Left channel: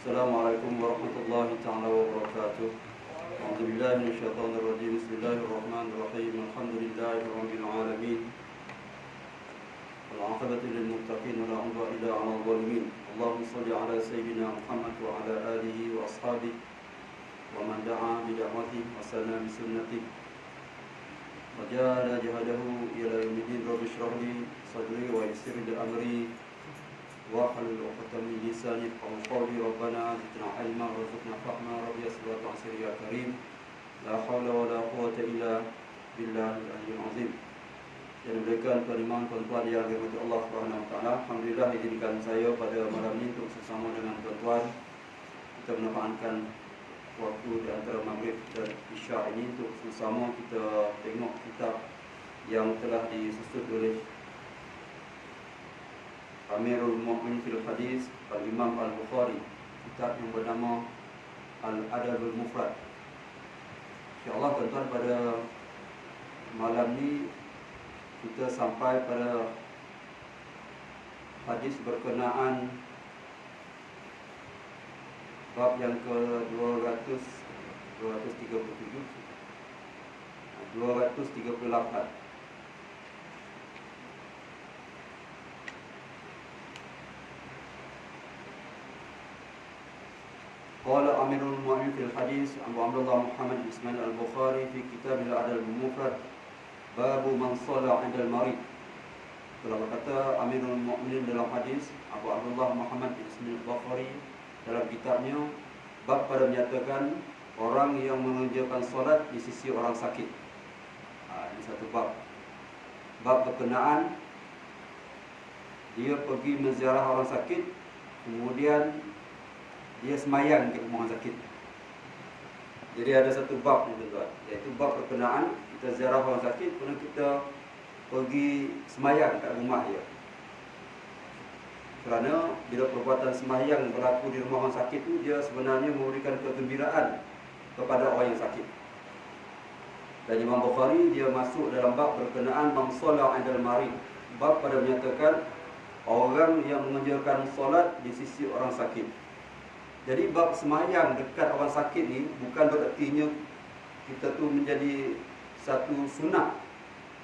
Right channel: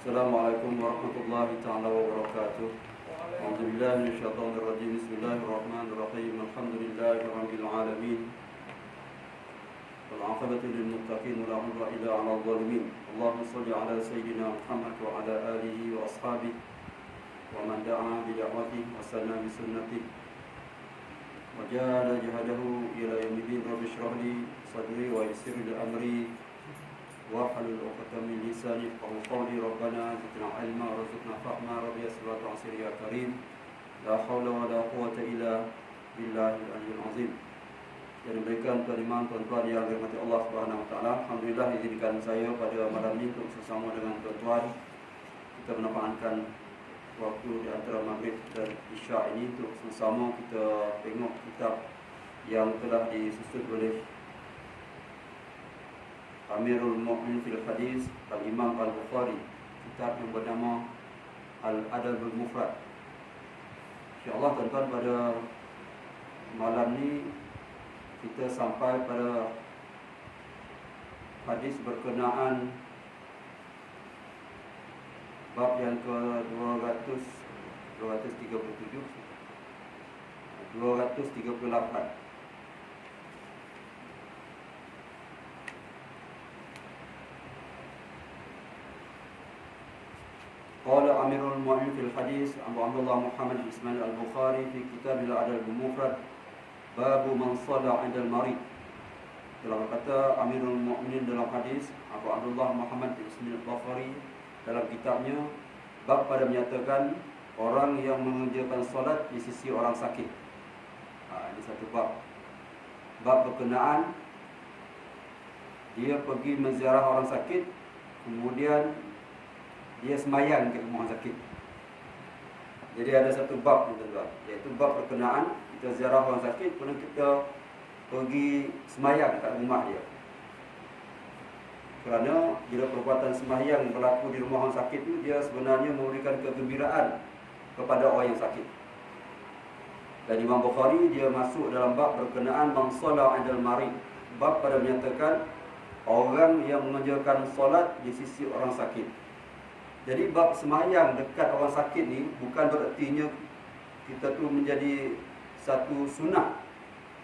Assalamualaikum warahmatullahi ta'ala wabarakatuh. A'udzubillahi minasyaitonir rajim. Bismillahirrahmanirrahim. Alhamdulillahi rabbil alamin. Wal 'aqibatu lil muttaqin wa la 'udwana illa 'alal zalimin. Allahumma shalli 'ala sayyidina Muhammad wa 'ala alihi wa ashabihi wa man da'a bi da'watihi wa sanna bi sunnatihi wa jahada jihadahu ila yaumiddin. Rabbi shrah li sadri wa yassir li amri wahlul 'uqdatam min lisani yafqahu qawli. Rabbana zidna 'ilma warzuqna fahma. Rabbi yassir wa ta'sir ya karim. La haula wa la quwwata illa billahil aliyyil azim. Yang diberikan tuan imam, tuan-tuan yang dirahmati Allah Subhanahu wa taala. Alhamdulillah, izinkan saya pada malam ini untuk bersama dengan tuan-tuan kita memanfaatkan waktu di antara maghrib dan isya ini untuk bersama kita tengok kitab yang telah disusun oleh Amirul Mu'min fil Hadis Al-Imam Al-Bukhari, kitab yang bernama Al-Adabul Mufrad. InsyaAllah tuan-tuan, pada malam ni kita sampai pada hadis berkenaan bab yang ke-238. Qala Amirul Mu'min fil Hadis Abu Abdullah Muhammad Ismail Al-Bukhari fi kitab Al-Adab Al-Mufrad babu man shalla 'inda al-marid. Telah berkata Amirul Mu'minin dalam hadis Abu Abdullah Muhammad Ismail Al-Bukhari dalam kitabnya, bab pada menyatakan orang yang mengerjakan solat di sisi orang sakit. Ini satu bab. Bab berkenaan dia pergi menziarah orang sakit, kemudian dia semayang ke rumah sakit. Jadi ada satu bab ni tuan-tuan, iaitu bab berkenaan kita ziarah orang sakit, kemudian kita pergi semayang kat rumah dia. Kerana bila perbuatan semayang berlaku di rumah orang sakit tu, dia sebenarnya memberikan kegembiraan kepada orang yang sakit. Dan Imam Bukhari dia masuk dalam bab berkenaan man shalla 'indal marid, bab pada menyatakan orang yang mengerjakan solat di sisi orang sakit. Jadi bab semayang dekat orang sakit ni bukan berertinya kita tu menjadi satu sunnah.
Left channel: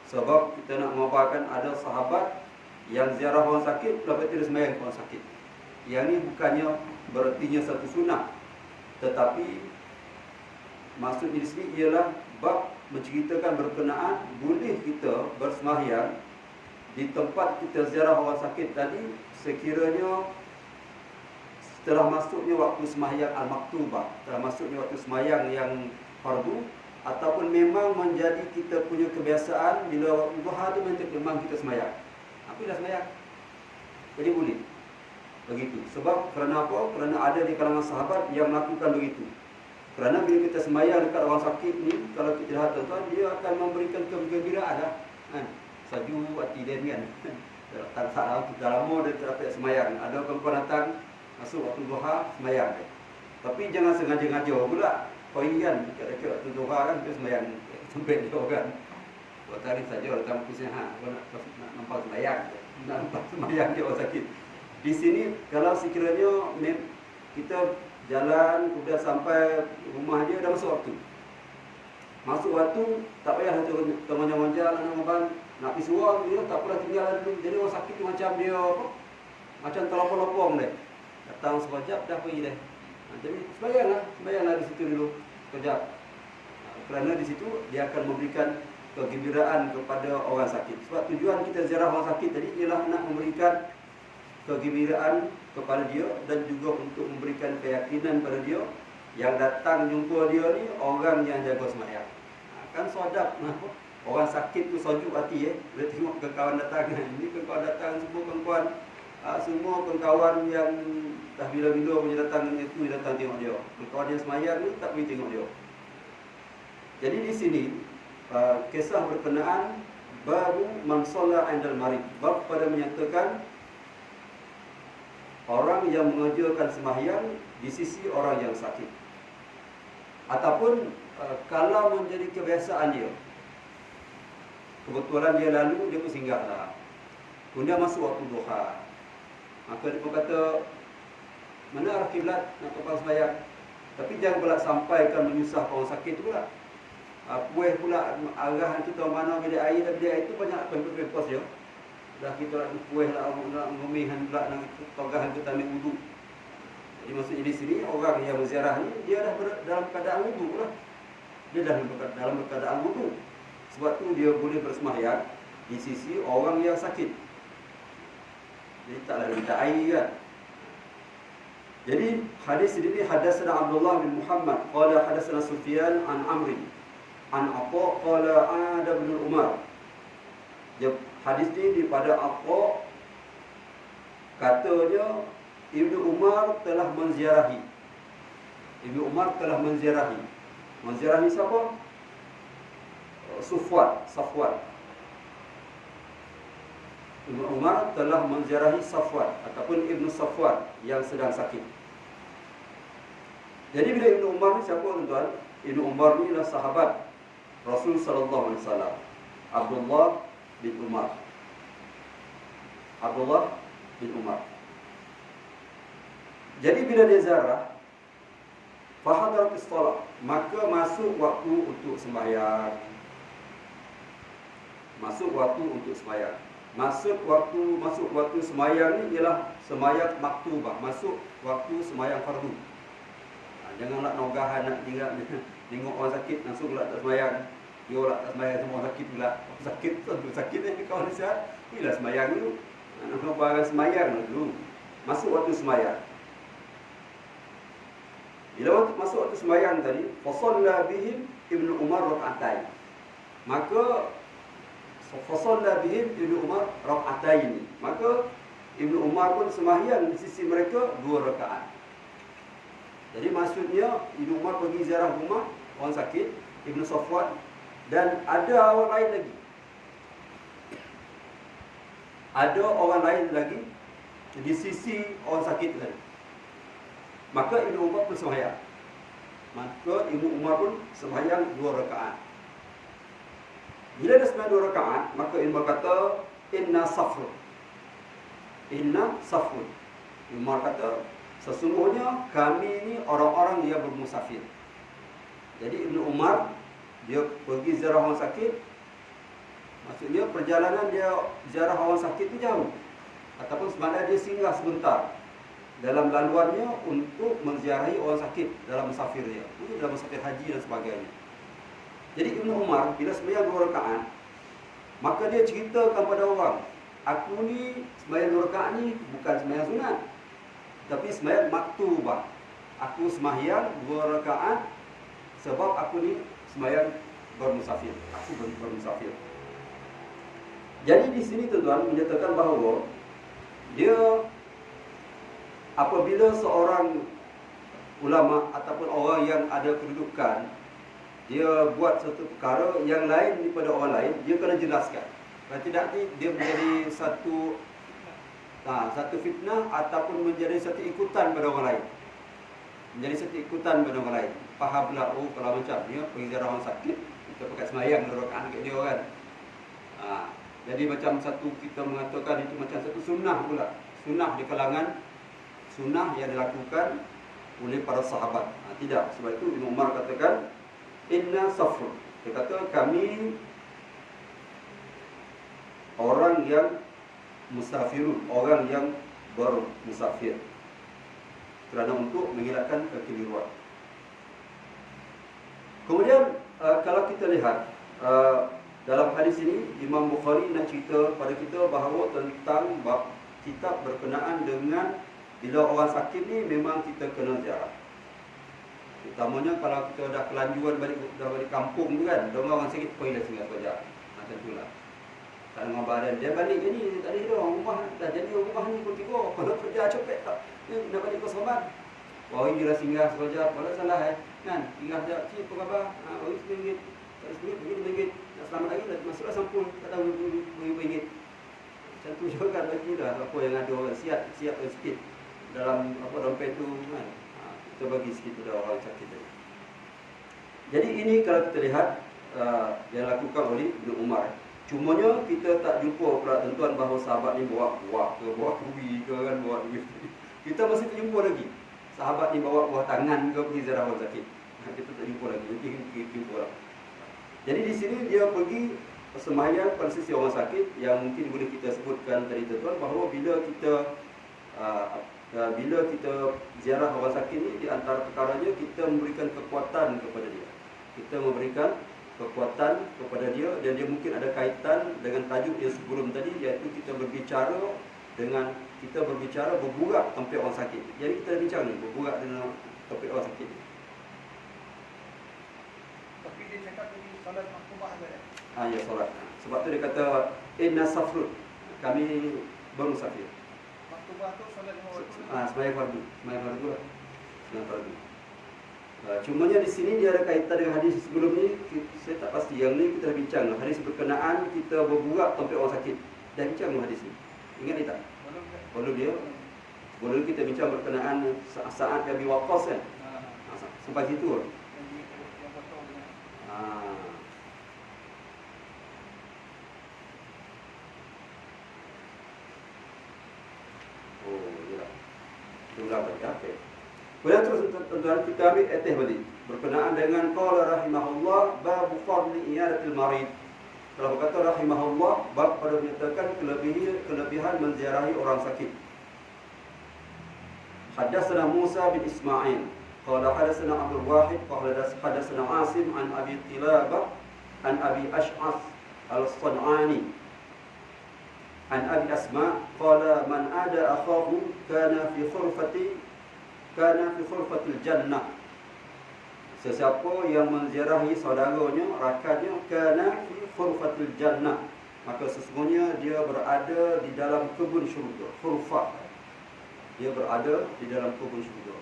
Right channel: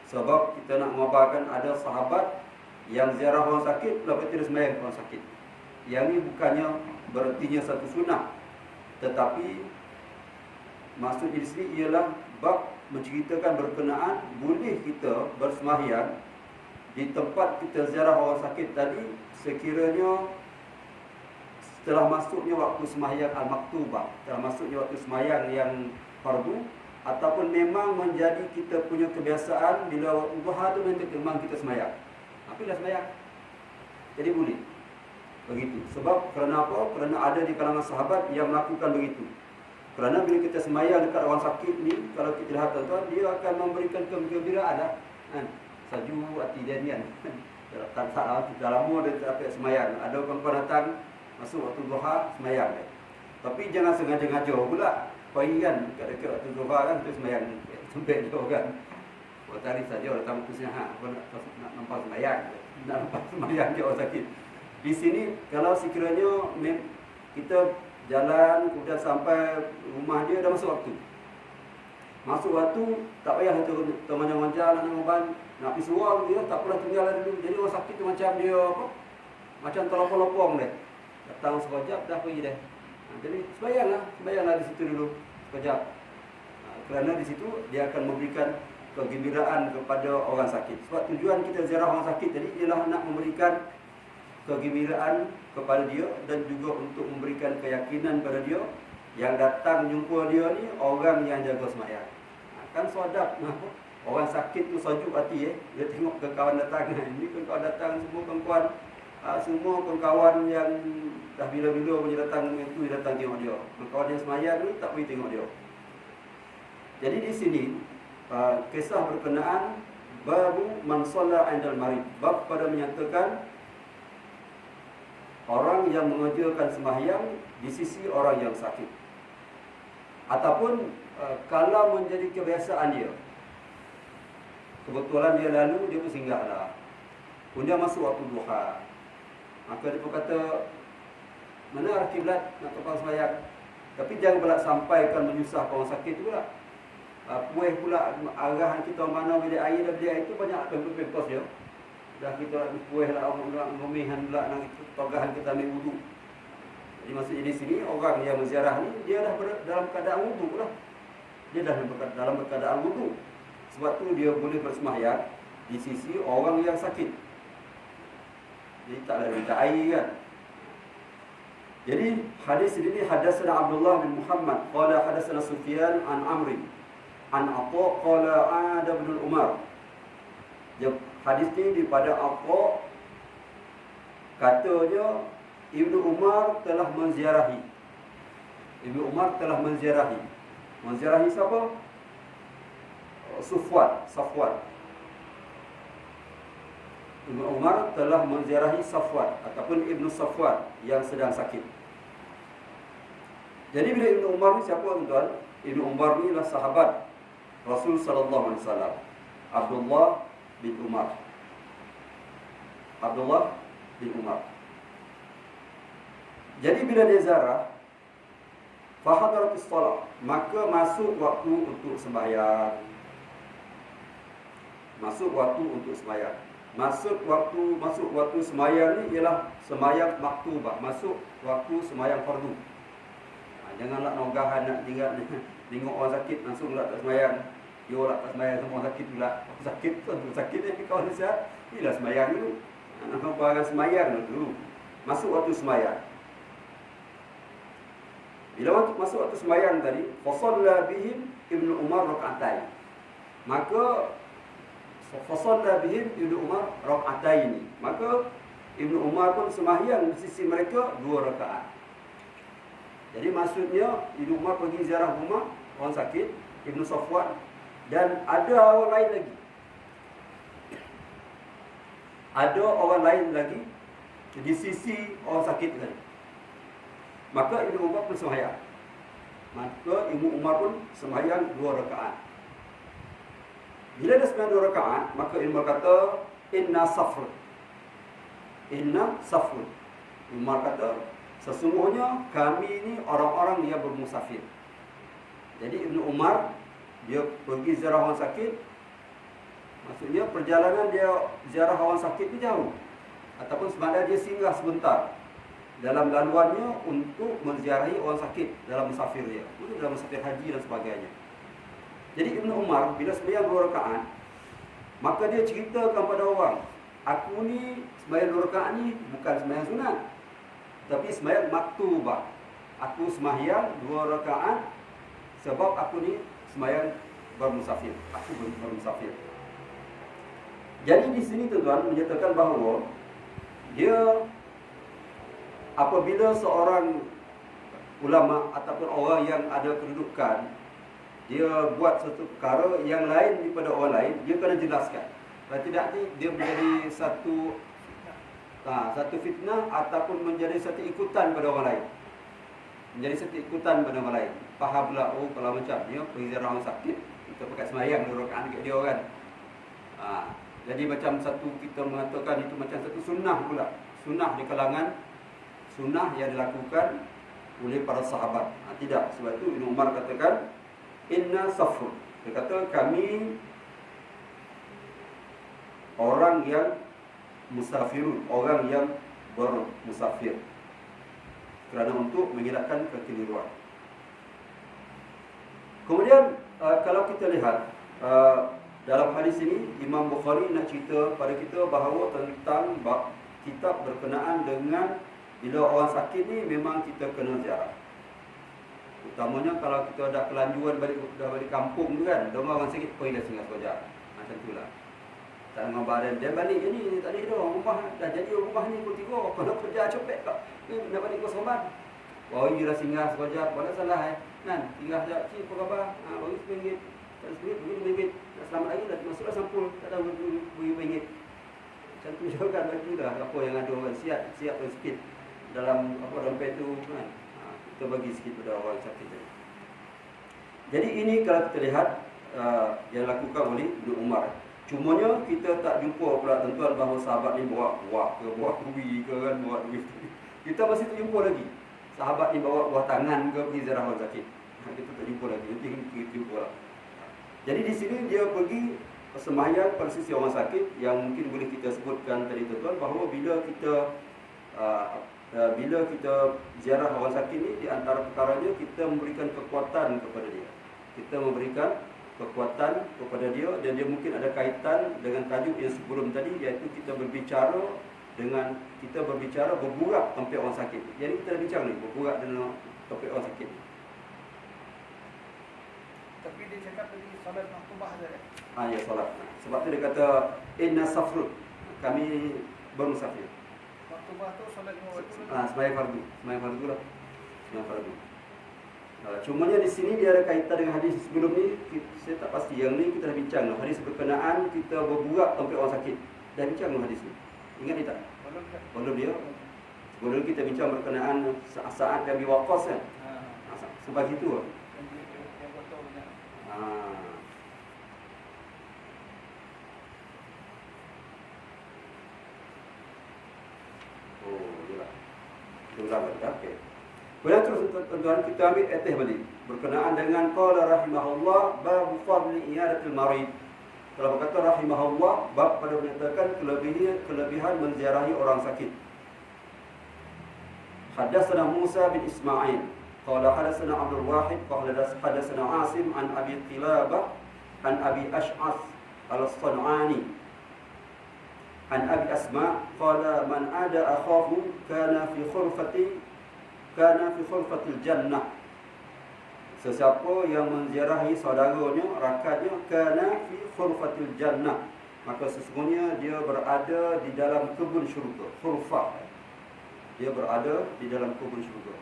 Sebab kita nak mengabarkan ada sahabat yang ziarah orang sakit lepas itu dia semayang orang sakit. Yang ni bukannya berertinya satu sunnah, tetapi maksudnya di sini ialah bab menceritakan berkenaan boleh kita bersemayang di tempat kita ziarah orang sakit tadi sekiranya setelah masuknya waktu sembahyang al-maktubah, setelah masuknya waktu sembahyang yang fardu, ataupun memang menjadi kita punya kebiasaan bila waktu duha tu memang kita sembahyang. Tapi dah sembahyang, jadi boleh begitu. Sebab kerana apa? Kerana ada di kalangan sahabat yang melakukan begitu. Kerana bila kita sembahyang dekat orang sakit ni, kalau kita lihat tuan-tuan, dia akan memberikan kegembiraan lah. Saju hati dia ni kan. Dah lama dia tak dapat sembahyang. Ada kawan-kawan datang masuk waktu duha semayang. Tapi jangan sengaja-ngaja pula. Pagi kan dekat-dekat waktu duha kan tu semayang tempat dia kan. Buat tarikh saja datang ke sini, aku nak nampak semayang. Nak nampak semayang dia orang sakit. Di sini kalau sekiranya kita jalan kemudian sampai rumah dia dah masuk waktu. Masuk waktu tak payah tu temannya nak pergi suruh dia tak pernah tinggal dulu. Jadi orang sakit tu macam dia macam terlopong-lopong dia. Datang sekejap dah pergi dah. Jadi sembayanglah di situ dulu sekejap. Kerana di situ dia akan memberikan kegembiraan kepada orang sakit. Sebab tujuan kita ziarah orang sakit tadi ialah nak memberikan kegembiraan kepada dia dan juga untuk memberikan keyakinan pada dia yang datang jumpa dia ni orang yang jaga sembahyang. Kan sedap orang sakit tu sejuk hati bila tengok kawan datang. Ini kawan datang semua kawan yang dah bila-bila punya datang itu datang tengok dia. Kawan yang semayang ni tak pergi tengok dia. Jadi di sini kisah berkenaan babu man shalla 'indal marid, bab pada menyatakan orang yang mengerjakan sembahyang di sisi orang yang sakit. Ataupun kalau menjadi kebiasaan dia, kebetulan dia lalu, dia pun singgahlah. Kemudian masuk waktu duha, maka dia pun kata Mana arah kiblat nak topang sembahyang. Tapi jangan pula sampaikan menyusahkan orang sakit tu pula. Kuih pula arahan kita mana bilik air dan bilik air itu banyak pempos dia. Dah kita kuih lah, nak ngomihan pula nak togahan kita ambil wudu. Jadi maksudnya di sini orang yang menziarah ni dia dah dalam keadaan wudu dah. Dia dah dalam keadaan wudu. Sebab tu dia boleh bersembahyang di sisi orang yang sakit. Jadi taklah minta air kan. Jadi hadis ini hadatsana Abdullah bin Muhammad qala hadatsana Sufyan an Amr an Atha qala ada bin Umar. Hadis ini daripada Atha katanya Ibnu Umar telah menziarahi. Ibnu Umar telah menziarahi. Menziarahi siapa? Safwan. Ibnu Umar telah menziarahi Safwan ataupun Ibnu Safwan yang sedang sakit. Jadi bila Ibnu Umar ni siapa tuan-tuan? Ibnu Umar ni adalah sahabat Rasul sallallahu alaihi wasallam. Abdullah bin Umar. Abdullah bin Umar. Jadi bila dia ziarah, fahadaratis shalah, maka masuk waktu untuk sembahyang. Masuk waktu sembahyang ni ialah sembahyang maktubah, masuk waktu sembahyang fardu. Janganlah nogahan nak tengok orang sakit langsung lah tak sembahyang. Dia lah tak sembahyang sama orang sakit pula. Orang sakit tu sakit ni kau nak sihat, bila sembahyang dulu. Nak nogahan sembahyang dulu. Masuk waktu sembahyang. Bila masuk waktu sembahyang tadi, fasalla bihim Ibnu Umar rak'atain. Maka fasalla bihim Ibnu Umar rak'atain. Maka Ibnu Umar pun sembahyang di sisi mereka 2 rakaat. Jadi maksudnya Ibnu Umar pergi ziarah rumah orang sakit, Ibnu Safwan, dan ada orang lain lagi. Ada orang lain lagi di sisi orang sakit tadi. Maka Ibnu Umar pun sembahyang. Sembahyang 2 rakaat. Bila dah sembahyang 2 rakaat, maka Ibnu Umar kata, Inna safr. Ibnu Umar kata, sesungguhnya kami ni orang-orang yang bermusafir. Jadi Ibnu Umar dia pergi ziarah orang sakit. Maksudnya perjalanan dia ziarah orang sakit ni jauh. Ataupun sebenarnya dia singgah sebentar dalam laluannya untuk menziarahi orang sakit dalam musafir dia. Mungkin dalam musafir haji dan sebagainya. Jadi Ibnu Umar bila sembahyang 2 rakaat, maka dia ceritakan pada orang, aku ni sembahyang 2 rakaat ni bukan sembahyang sunat, tapi sembahyang maktubah. Aku sembahyang 2 rakaat sebab aku ni sembahyang bermusafir. Aku bermusafir. Jadi di sini tuan-tuan menyatakan bahawa dia apabila seorang ulama ataupun orang yang ada kedudukan, dia buat satu perkara yang lain daripada orang lain, dia kena jelaskan. Kalau tidak dia menjadi satu fitnah ataupun menjadi satu ikutan pada orang lain. Faham pula, oh kalau macam ni pergi ziarah orang sakit, kita pakai sembahyang 2 rakaat dekat dia kan. Jadi macam satu kita mengatakan itu macam satu sunnah pula. Sunnah di kalangan sunnah yang dilakukan oleh para sahabat. Tidak, sebab itu Ibnu Umar katakan inna safr. Dia kata kami orang yang musafirun, orang yang bermusafir, kerana untuk mengelakkan kekeliruan. Kemudian kalau kita lihat dalam hadis ini Imam Bukhari nak cerita pada kita bahawa tentang bab kitab berkenaan dengan bila orang sakit ni memang kita kena ziarah. Utamanya kalau kita dah kelanjuan balik kampung tu kan, orang sakit pergilah singgah sekejap. Macam itulah. Tak dengan badan dia balik je ni, tak ada rumah dah jadi rumah ni pukul 3. Kalau kerja cepet tak nak balik ke Soban. Pergilah singgah sekejap, mana salah kan? Singgah sekejap, cik apa khabar? Bagi RM1, tak ada RM1, bagi RM2. Nak selamat lagi dah masuklah sampul, tak tahu RM2. Macam tu juga kan, bagilah apa yang ada orang siap sikit dalam dompet tu kan. Kita bagi sikit pada orang sakit tadi. Jadi ini kalau kita lihat yang dilakukan oleh Ibnu Umar. Cumanya kita tak jumpa pula tuan-tuan bahawa sahabat ni bawa kuah ke, bawa kuih ke kan, bawa duit. Kita masih tak jumpa lagi. sahabat ni bawa buah tangan ke pergi ziarah orang sakit. Kita tak jumpa lagi. Nanti kita jumpa lah. Jadi di sini dia pergi sembahyang pada sisi orang sakit, yang mungkin boleh kita sebutkan tadi tuan-tuan, bahawa bila kita ziarah orang sakit ni, di antara perkaranya kita memberikan kekuatan kepada dia. Kita memberikan kekuatan kepada dia, dan dia mungkin ada kaitan dengan tajuk yang sebelum tadi, iaitu kita berbicara berburak tempat orang sakit. Jadi kita bincang ni, berburak dengan tempat orang sakit. Tapi dia cakap tadi solat maktubah saja. Ya, solat. Sebab tu dia kata inna safrun, kami bermusafir. Maktubah tu solat Sembahyang fardu. Sembahyang fardu lah. Sembahyang fardu. Cumanya di sini dia ada kaitan dengan hadis sebelum ni. Saya tak pasti. Yang ni kita dah bincang. Hadis berkenaan kita berburak tempat orang sakit. Dah bincang hadis ni. Ingat ni tak? Belum dia. Sebelum kita bincang berkenaan Sa'ad bin Abi Waqqas kan. Sampai situ lah. Okey. Kemudian terus tuan-tuan kita ambil etih balik berkenaan dengan qala rahimahullah bab fadli iyadatil marid. Kalau berkata rahimahullah, bab pada menyatakan kelebihan menziarahi orang sakit. Hadatsana Musa bin Ismail qala hadatsana Abdul Wahid qala hadatsana Asim an Abi Qilabah an Abi Ash'ath al-San'ani an Abi Asma qala man ada akhahu kana fi khurfatil jannah. Sesiapa yang menziarahi saudaranya, rakannya, kana fi khurfatil jannah, maka sesungguhnya dia berada di dalam kebun syurga. Khurfah, dia berada di dalam kebun syurga.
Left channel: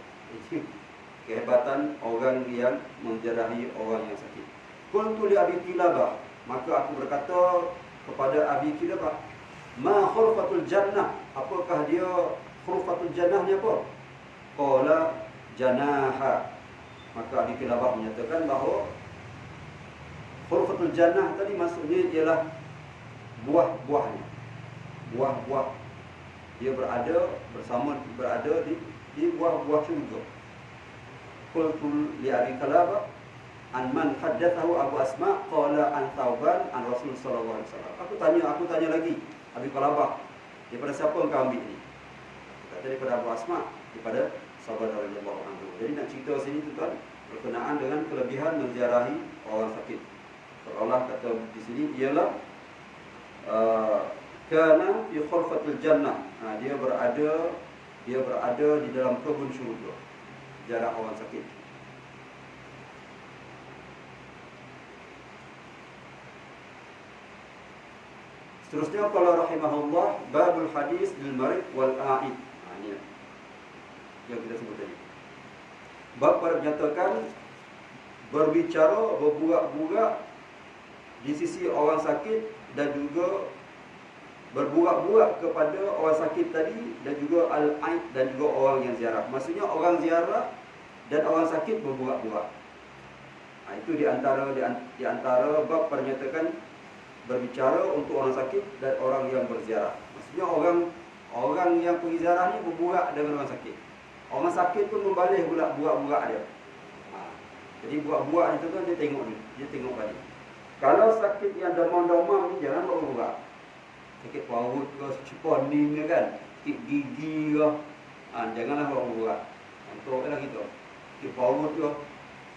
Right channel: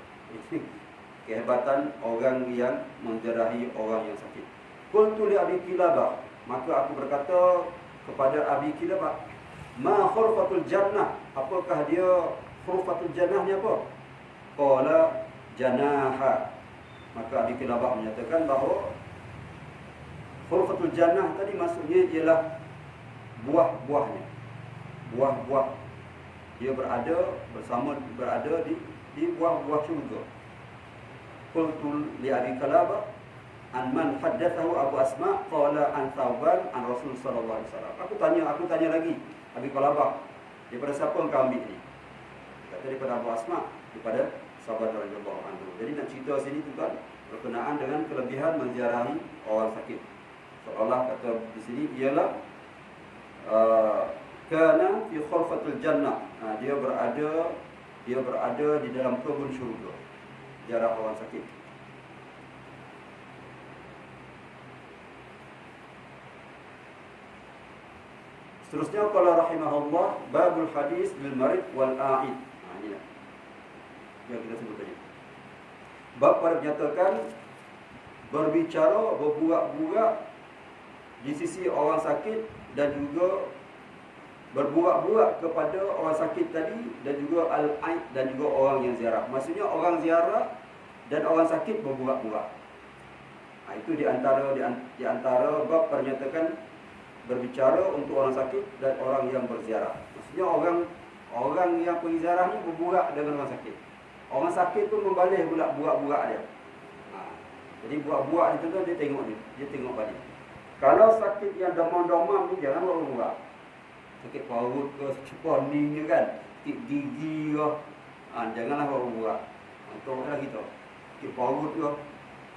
Kehebatan orang yang menziarahi orang yang sakit. Qultu li Abi Qilabah, maka aku berkata kepada Abi Qilabah, ma khurfatul jannah, apakah dia khurfatul jannah ni apa? Qala janaha, maka Abi Qilabah menyatakan bahawa khurfatul jannah tadi maksudnya ialah buah-buahnya. Buah-buah, dia berada di buah-buah syurga. Qultu li Abi Qilabah an man haddathahu Abu Asma qala an Thauban an Rasul sallallahu alaihi wasallam. Aku tanya lagi Abi Qilabah, daripada siapa engkau ambil ni? Kata daripada Abu Asma, daripada sahabat radhiyallahu anhu. Jadi nak cerita sini tuan-tuan berkenaan dengan kelebihan menziarahi orang sakit. Allah kata di sini ialah kana fi khurfatil jannah. Dia berada di dalam kebun syurga. Ziarah orang sakit. Seterusnya qala rahimahullah babul hadis lil marid wal a'id. Ini yang kita sebut tadi. Bab pada menyatakan berbicara, berburak-burak di sisi orang sakit, dan juga berburak-burak kepada orang sakit tadi, dan juga al-aid, dan juga orang yang ziarah. Maksudnya orang ziarah dan orang sakit berburak-burak. Itu di antara bab pada menyatakan berbicara untuk orang sakit dan orang yang berziarah. Maksudnya orang yang pergi ziarah ni berburak dengan orang sakit. Orang sakit pun membalih pula burak-burak dia. Jadi burak-burak ni tuan-tuan, dia tengok balik. Kalau sakit yang demam-demam ni jangan burak-burak. Sakit perut ke, ceponing ke kan, sakit gigi ke, janganlah burak-burak. Contohlah kita, sakit perut ke.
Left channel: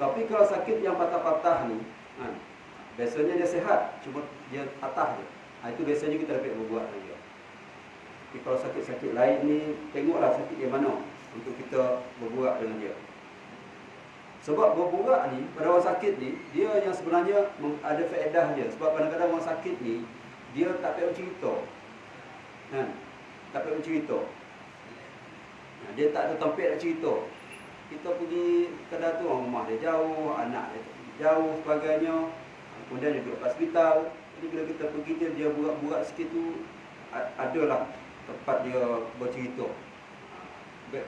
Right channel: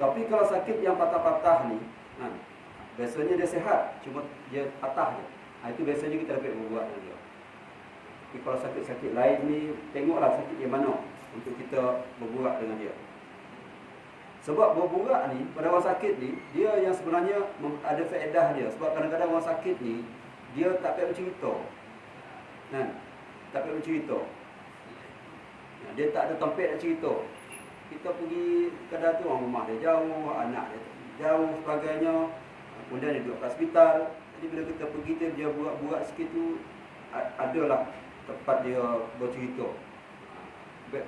Tapi kalau sakit yang patah-patah ni, biasanya dia sihat, cuma dia patah je. Itu biasanya kita dapat berbuat dengan dia. Tapi kalau sakit-sakit lain ni, tengoklah sakit dia mana untuk kita berbuat dengan dia. Sebab berbuat ni pada orang sakit ni, dia yang sebenarnya ada faedah dia. Sebab kadang-kadang orang sakit ni dia tak payah bercerita. Tak payah bercerita. Dia tak ada tempat nak cerita. Kita pergi kadang tu orang rumah dia jauh, anak dia jauh sebagainya. Kemudian dia duduk kat hospital. Jadi bila kita pergi dia burak-burak sikit tu, adalah tempat dia bercerita.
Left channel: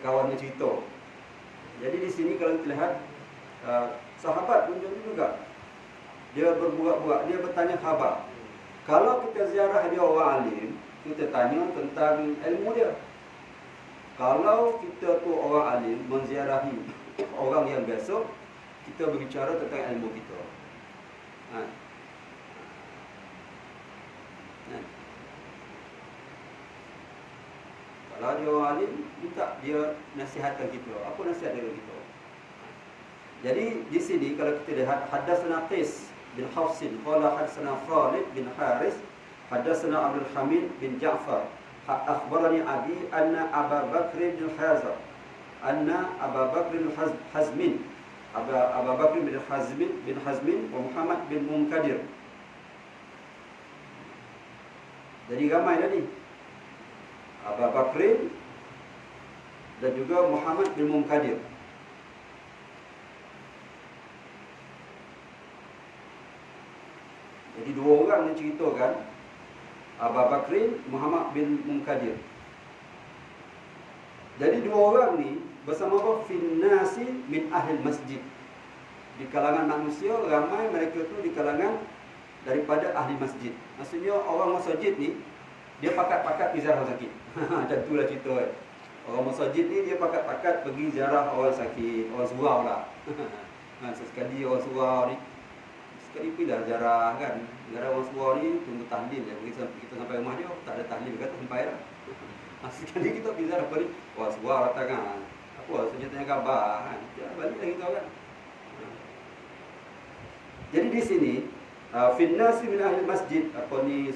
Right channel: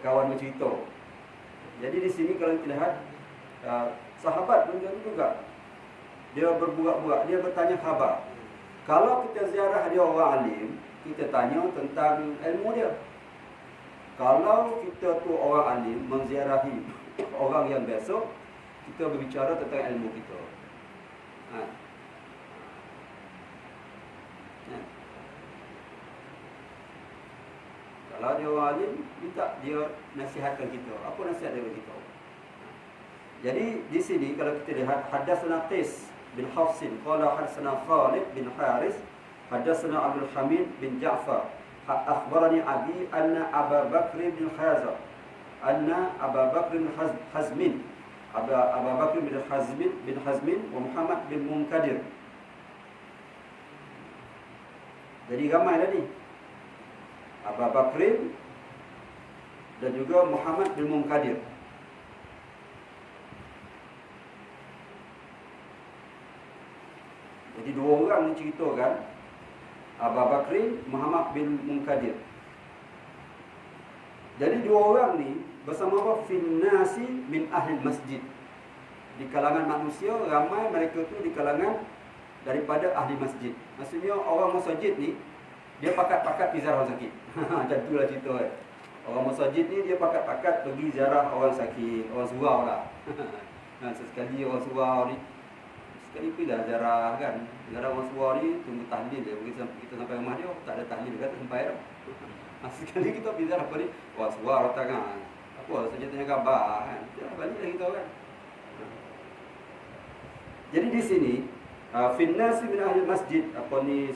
Kawan bercerita. Jadi di sini kalau kita lihat, sahabat pun juga dia berburak-burak, dia bertanya khabar. Kalau kita ziarah dia orang alim, kita tanya tentang ilmu dia. Kalau kita tu orang alim menziarahi orang yang biasa, kita berbicara tentang ilmu kita. Ha. Ha. Kalau dia orang alim, minta dia nasihatkan kita. Apa nasihat dia kita? Jadi di sini kalau kita lihat hadatsana Qais bin Hafsin qala hadatsana Khalid bin Haris hadatsana Abdul Hamid bin Ja'far akhbarani abi anna Abu Bakr bin Hazm Abu Bakr bin Hazmin wa Muhammad bin Munkadir. Jadi ramai tadi. Abu Bakr dan juga Muhammad bin Munkadir. Jadi dua orang yang ceritakan Abu Bakr, Muhammad bin Munkadir. Jadi dua orang ni bersama apa? Finnasi min ahli masjid. Di kalangan manusia ramai mereka tu di kalangan daripada ahli masjid. Maksudnya orang masjid ni dia pakat-pakat pergi ziarah orang sakit. Macam itulah cerita kan. Orang masjid ni dia pakat-pakat pergi ziarah orang sakit, orang surau lah. Sesekali orang surau ni sekali pergilah ziarah kan. Ziarah orang surau ni tunggu tahlil dia. Kita sampai rumah dia tak ada tahlil kata sampai dah. Sekali kita pergi ziarah apa ni? Orang surau datang kan. Apa saja tanya khabar kan. Baliklah kita kan. Jadi di sini finnasi min ahli masjid apa ni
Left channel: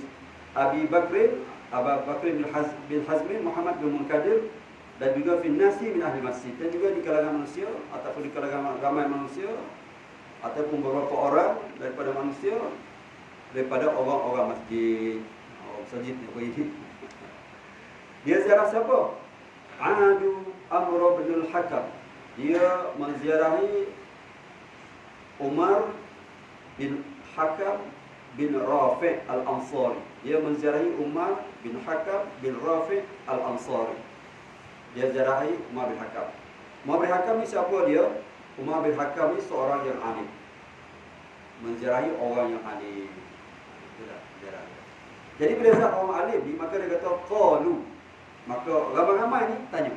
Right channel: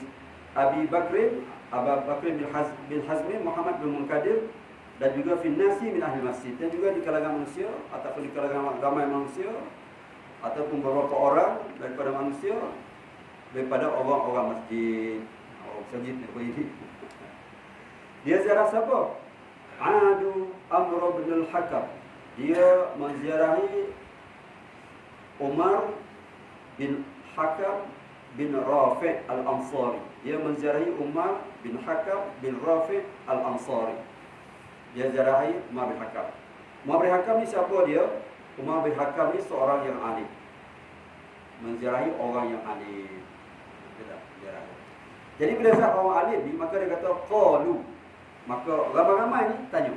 Abu Bakr bin Hazmi, Muhammad bin Munkadir dan juga finnasi min ahli masjid dan juga di kalangan manusia ataupun di kalangan ramai manusia ataupun beberapa orang daripada manusia daripada orang-orang masjid. Masjid apa ini? Dia ziarah siapa? Adu Amr bin al-Hakam. Dia menziarahi Umar bin Hakam bin Rafi' al-Ansari. Dia menziarahi Umar bin Hakam bin Rafi' al-Ansari. Dia ziarahi Umar bin Hakam. Umar bin Hakam ni siapa dia? Umar bin Hakam ni seorang yang alim. Menziarahi orang yang alim. Jadi bila ziarah orang alim ni, maka dia kata qalu. Maka ramai-ramai ni tanya,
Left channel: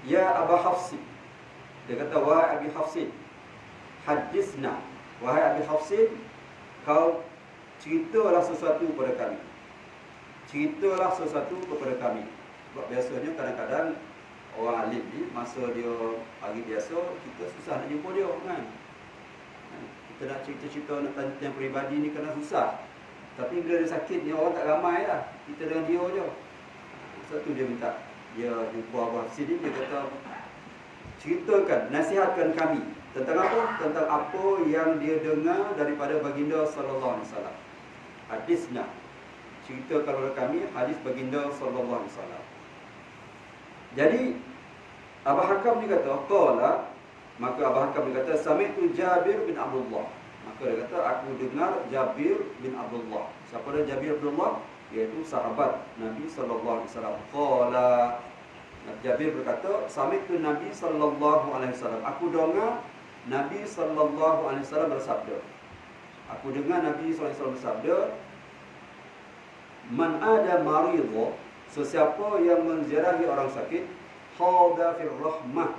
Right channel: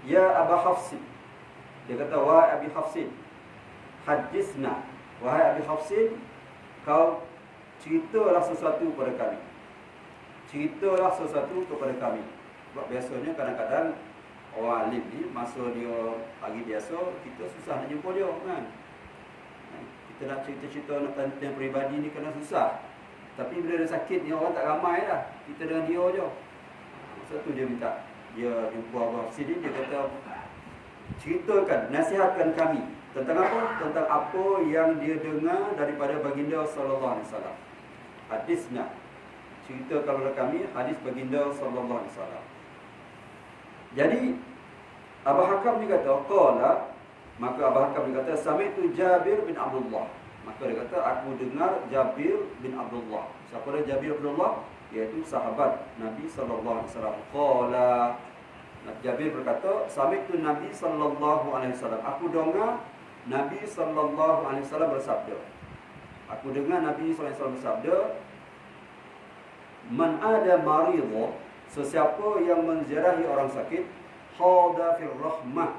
ya Abu Hafsin. Dia kata, wahai Abi Hafsin, hadisna. Wahai Abi Hafsin, kau ceritalah sesuatu kepada kami. Ceritalah sesuatu kepada kami. Sebab biasanya kadang-kadang orang alim ni, masa dia pagi biasa, kita susah nak jumpa dia kan. Kita nak cerita-cerita, nak tanya peribadi ni kena susah. Tapi bila dia sakit ni, orang tak ramai lah. Kita dengan dia je. Masa tu dia minta, dia jumpa Abu Hafsin ni, dia kata, ceritakan, nasihatkan kami. Tentang apa? Tentang apa yang dia dengar daripada baginda sallallahu alaihi wasallam. Hadisna. Cerita kepada kami hadis baginda sallallahu alaihi wasallam. Jadi Abu Hakam dia kata, qala, maka Abu Hakam dia kata, sami'tu Jabir bin Abdullah. Maka dia kata, aku dengar Jabir bin Abdullah. Siapa dia Jabir bin Abdullah? Iaitu sahabat Nabi sallallahu alaihi wasallam. Qala, Jabir berkata, sami'tu Nabi sallallahu alaihi wasallam. Aku dengar Nabi sallallahu alaihi wasallam bersabda. Aku dengar Nabi sallallahu alaihi wasallam bersabda, man ada maridha, sesiapa yang menziarahi orang sakit, khada fir rahmah,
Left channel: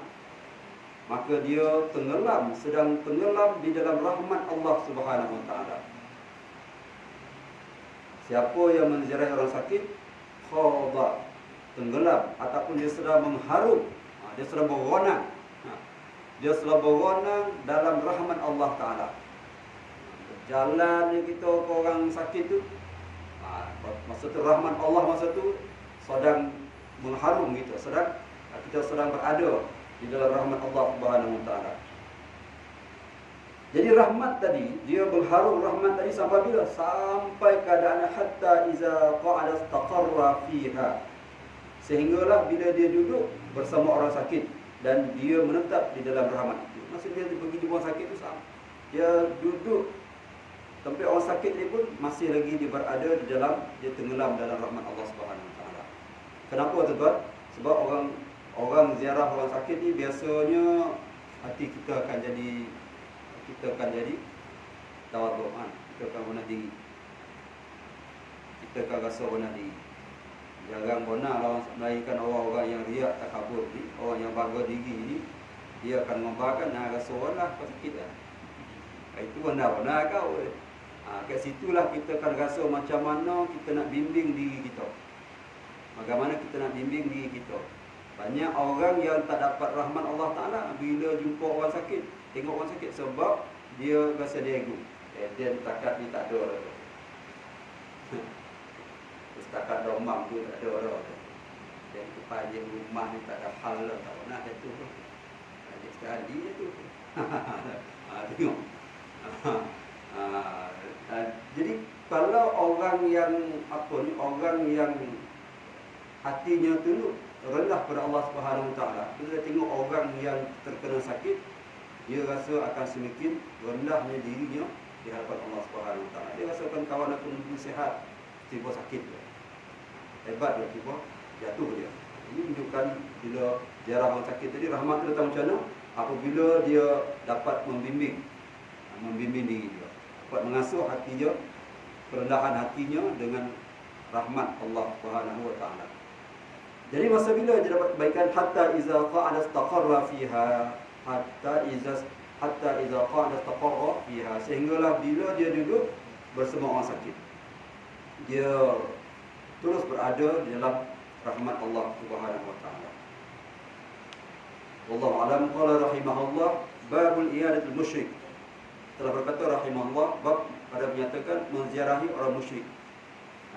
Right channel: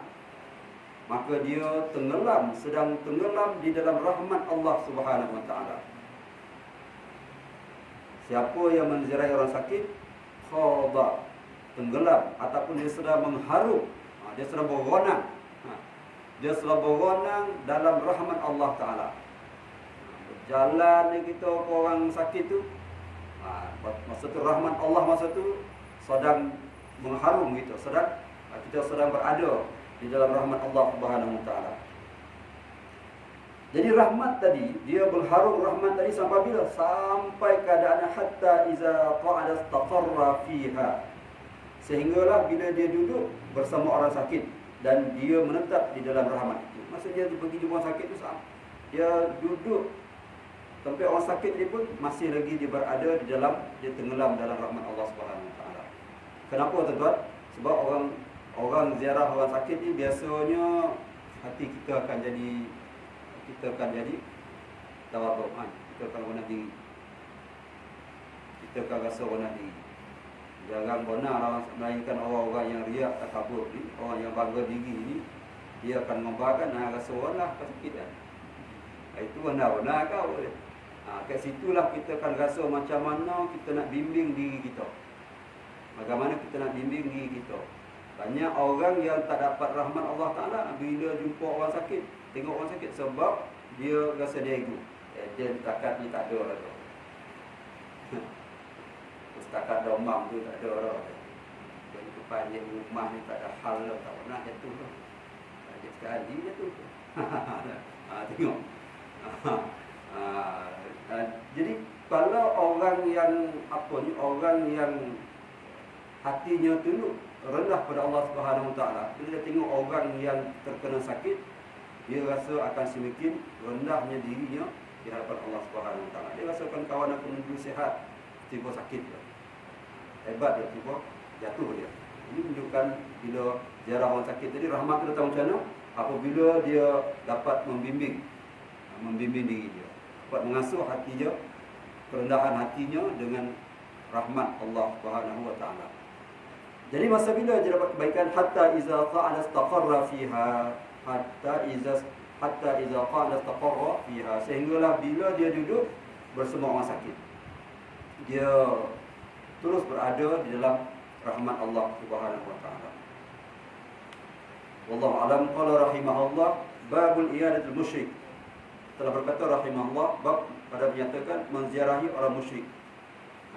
maka dia tenggelam, sedang tenggelam di dalam rahmat Allah Subhanahu wa taala. Siapa yang menziarahi orang sakit, khada, tenggelam ataupun dia sedang mengharum, dia sedang beronang. Dia sedang beronang dalam rahmat Allah Ta'ala. Berjalan kita ke orang sakit tu, masa tu rahmat Allah masa tu sedang mengharum kita, kita sedang berada di dalam rahmat Allah Subhanahu wa taala. Jadi rahmat tadi, dia mengharum rahmat tadi sampai bila? Sampai keadaannya hatta iza qa'ada istaqarra fiha. Sehinggalah bila dia duduk bersama orang sakit dan dia menetap di dalam rahmat itu. Maksudnya dia pergi jumpa orang sakit tu sama. Dia duduk tempat orang sakit ni pun masih lagi dia berada di dalam, dia tenggelam dalam rahmat Allah Subhanahu wa taala. Kenapa tuan-tuan? Sebab orang ziarah orang sakit ni biasanya hati kita akan jadi tawaduk kan. Kita akan rendah diri. Kita akan rasa rendah diri. Jarang benar lah melainkan orang-orang yang riak takabur ni, orang yang bangga diri ni, dia akan membahagikan rasa lah kau sakit kan. Itu benar-benar kau. Kat situlah kita akan rasa macam mana kita nak bimbing diri kita. Bagaimana kita nak bimbing diri kita. Banyak orang yang tak dapat rahmat Allah Ta'ala bila jumpa orang sakit, tengok orang sakit sebab dia rasa dia ego. Dia takat ni tak ada lah. Setakat domam tu tak ada dah. Yang kepanjang rumah ni tak ada hal lah. Tak nak jatuh tu. Dia sekali jatuh. Tengok. Jadi kalau orang yang orang yang hatinya tunduk rendah pada Allah Subhanahu Wa Taala, bila tengok orang yang terkena sakit, dia rasa akan semakin rendahnya dirinya di hadapan Allah Subhanahu Wa Taala. Dia rasakan kawan aku dulu sihat, tiba sakit. Hebat dia, tiba jatuh dia. Ini menunjukkan bila jarah orang sakit tadi, rahmat datang macam mana? Apabila dia dapat membimbing diri dia, dapat mengasuh hatinya, kerendahan hatinya dengan rahmat Allah Subhanahu Wa Taala. Jadi masa bila dia dapat kebaikan, hatta iza qa'ada istaqarra fiha, hatta iza qa'ada istaqarra fiha, sehinggalah bila dia duduk bersama orang sakit, dia terus berada di dalam rahmat Allah Subhanahu Wa Taala. Wallahu a'lam. Qala rahimahullah, babul iyadatul musyrik. Telah berkata rahimahullah, bab pada menyatakan menziarahi orang musyrik.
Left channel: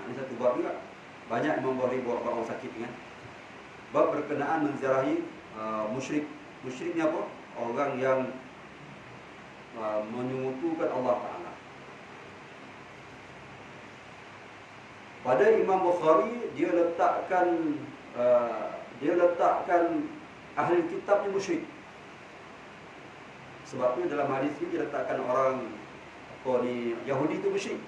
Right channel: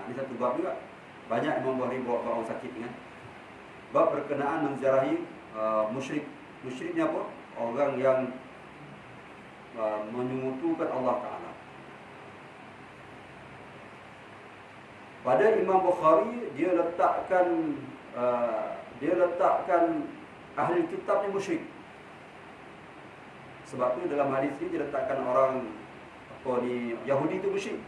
Ini satu bab juga. Banyak Imam Bukhari bawa orang sakit kan. Bab berkenaan menziarahi musyrik. Musyrik ni apa? Orang yang menyekutukan Allah Ta'ala. Pada Imam Bukhari, dia letakkan ahli kitab ni musyrik. Sebab tu dalam hadis ni dia letakkan orang Yahudi tu musyrik.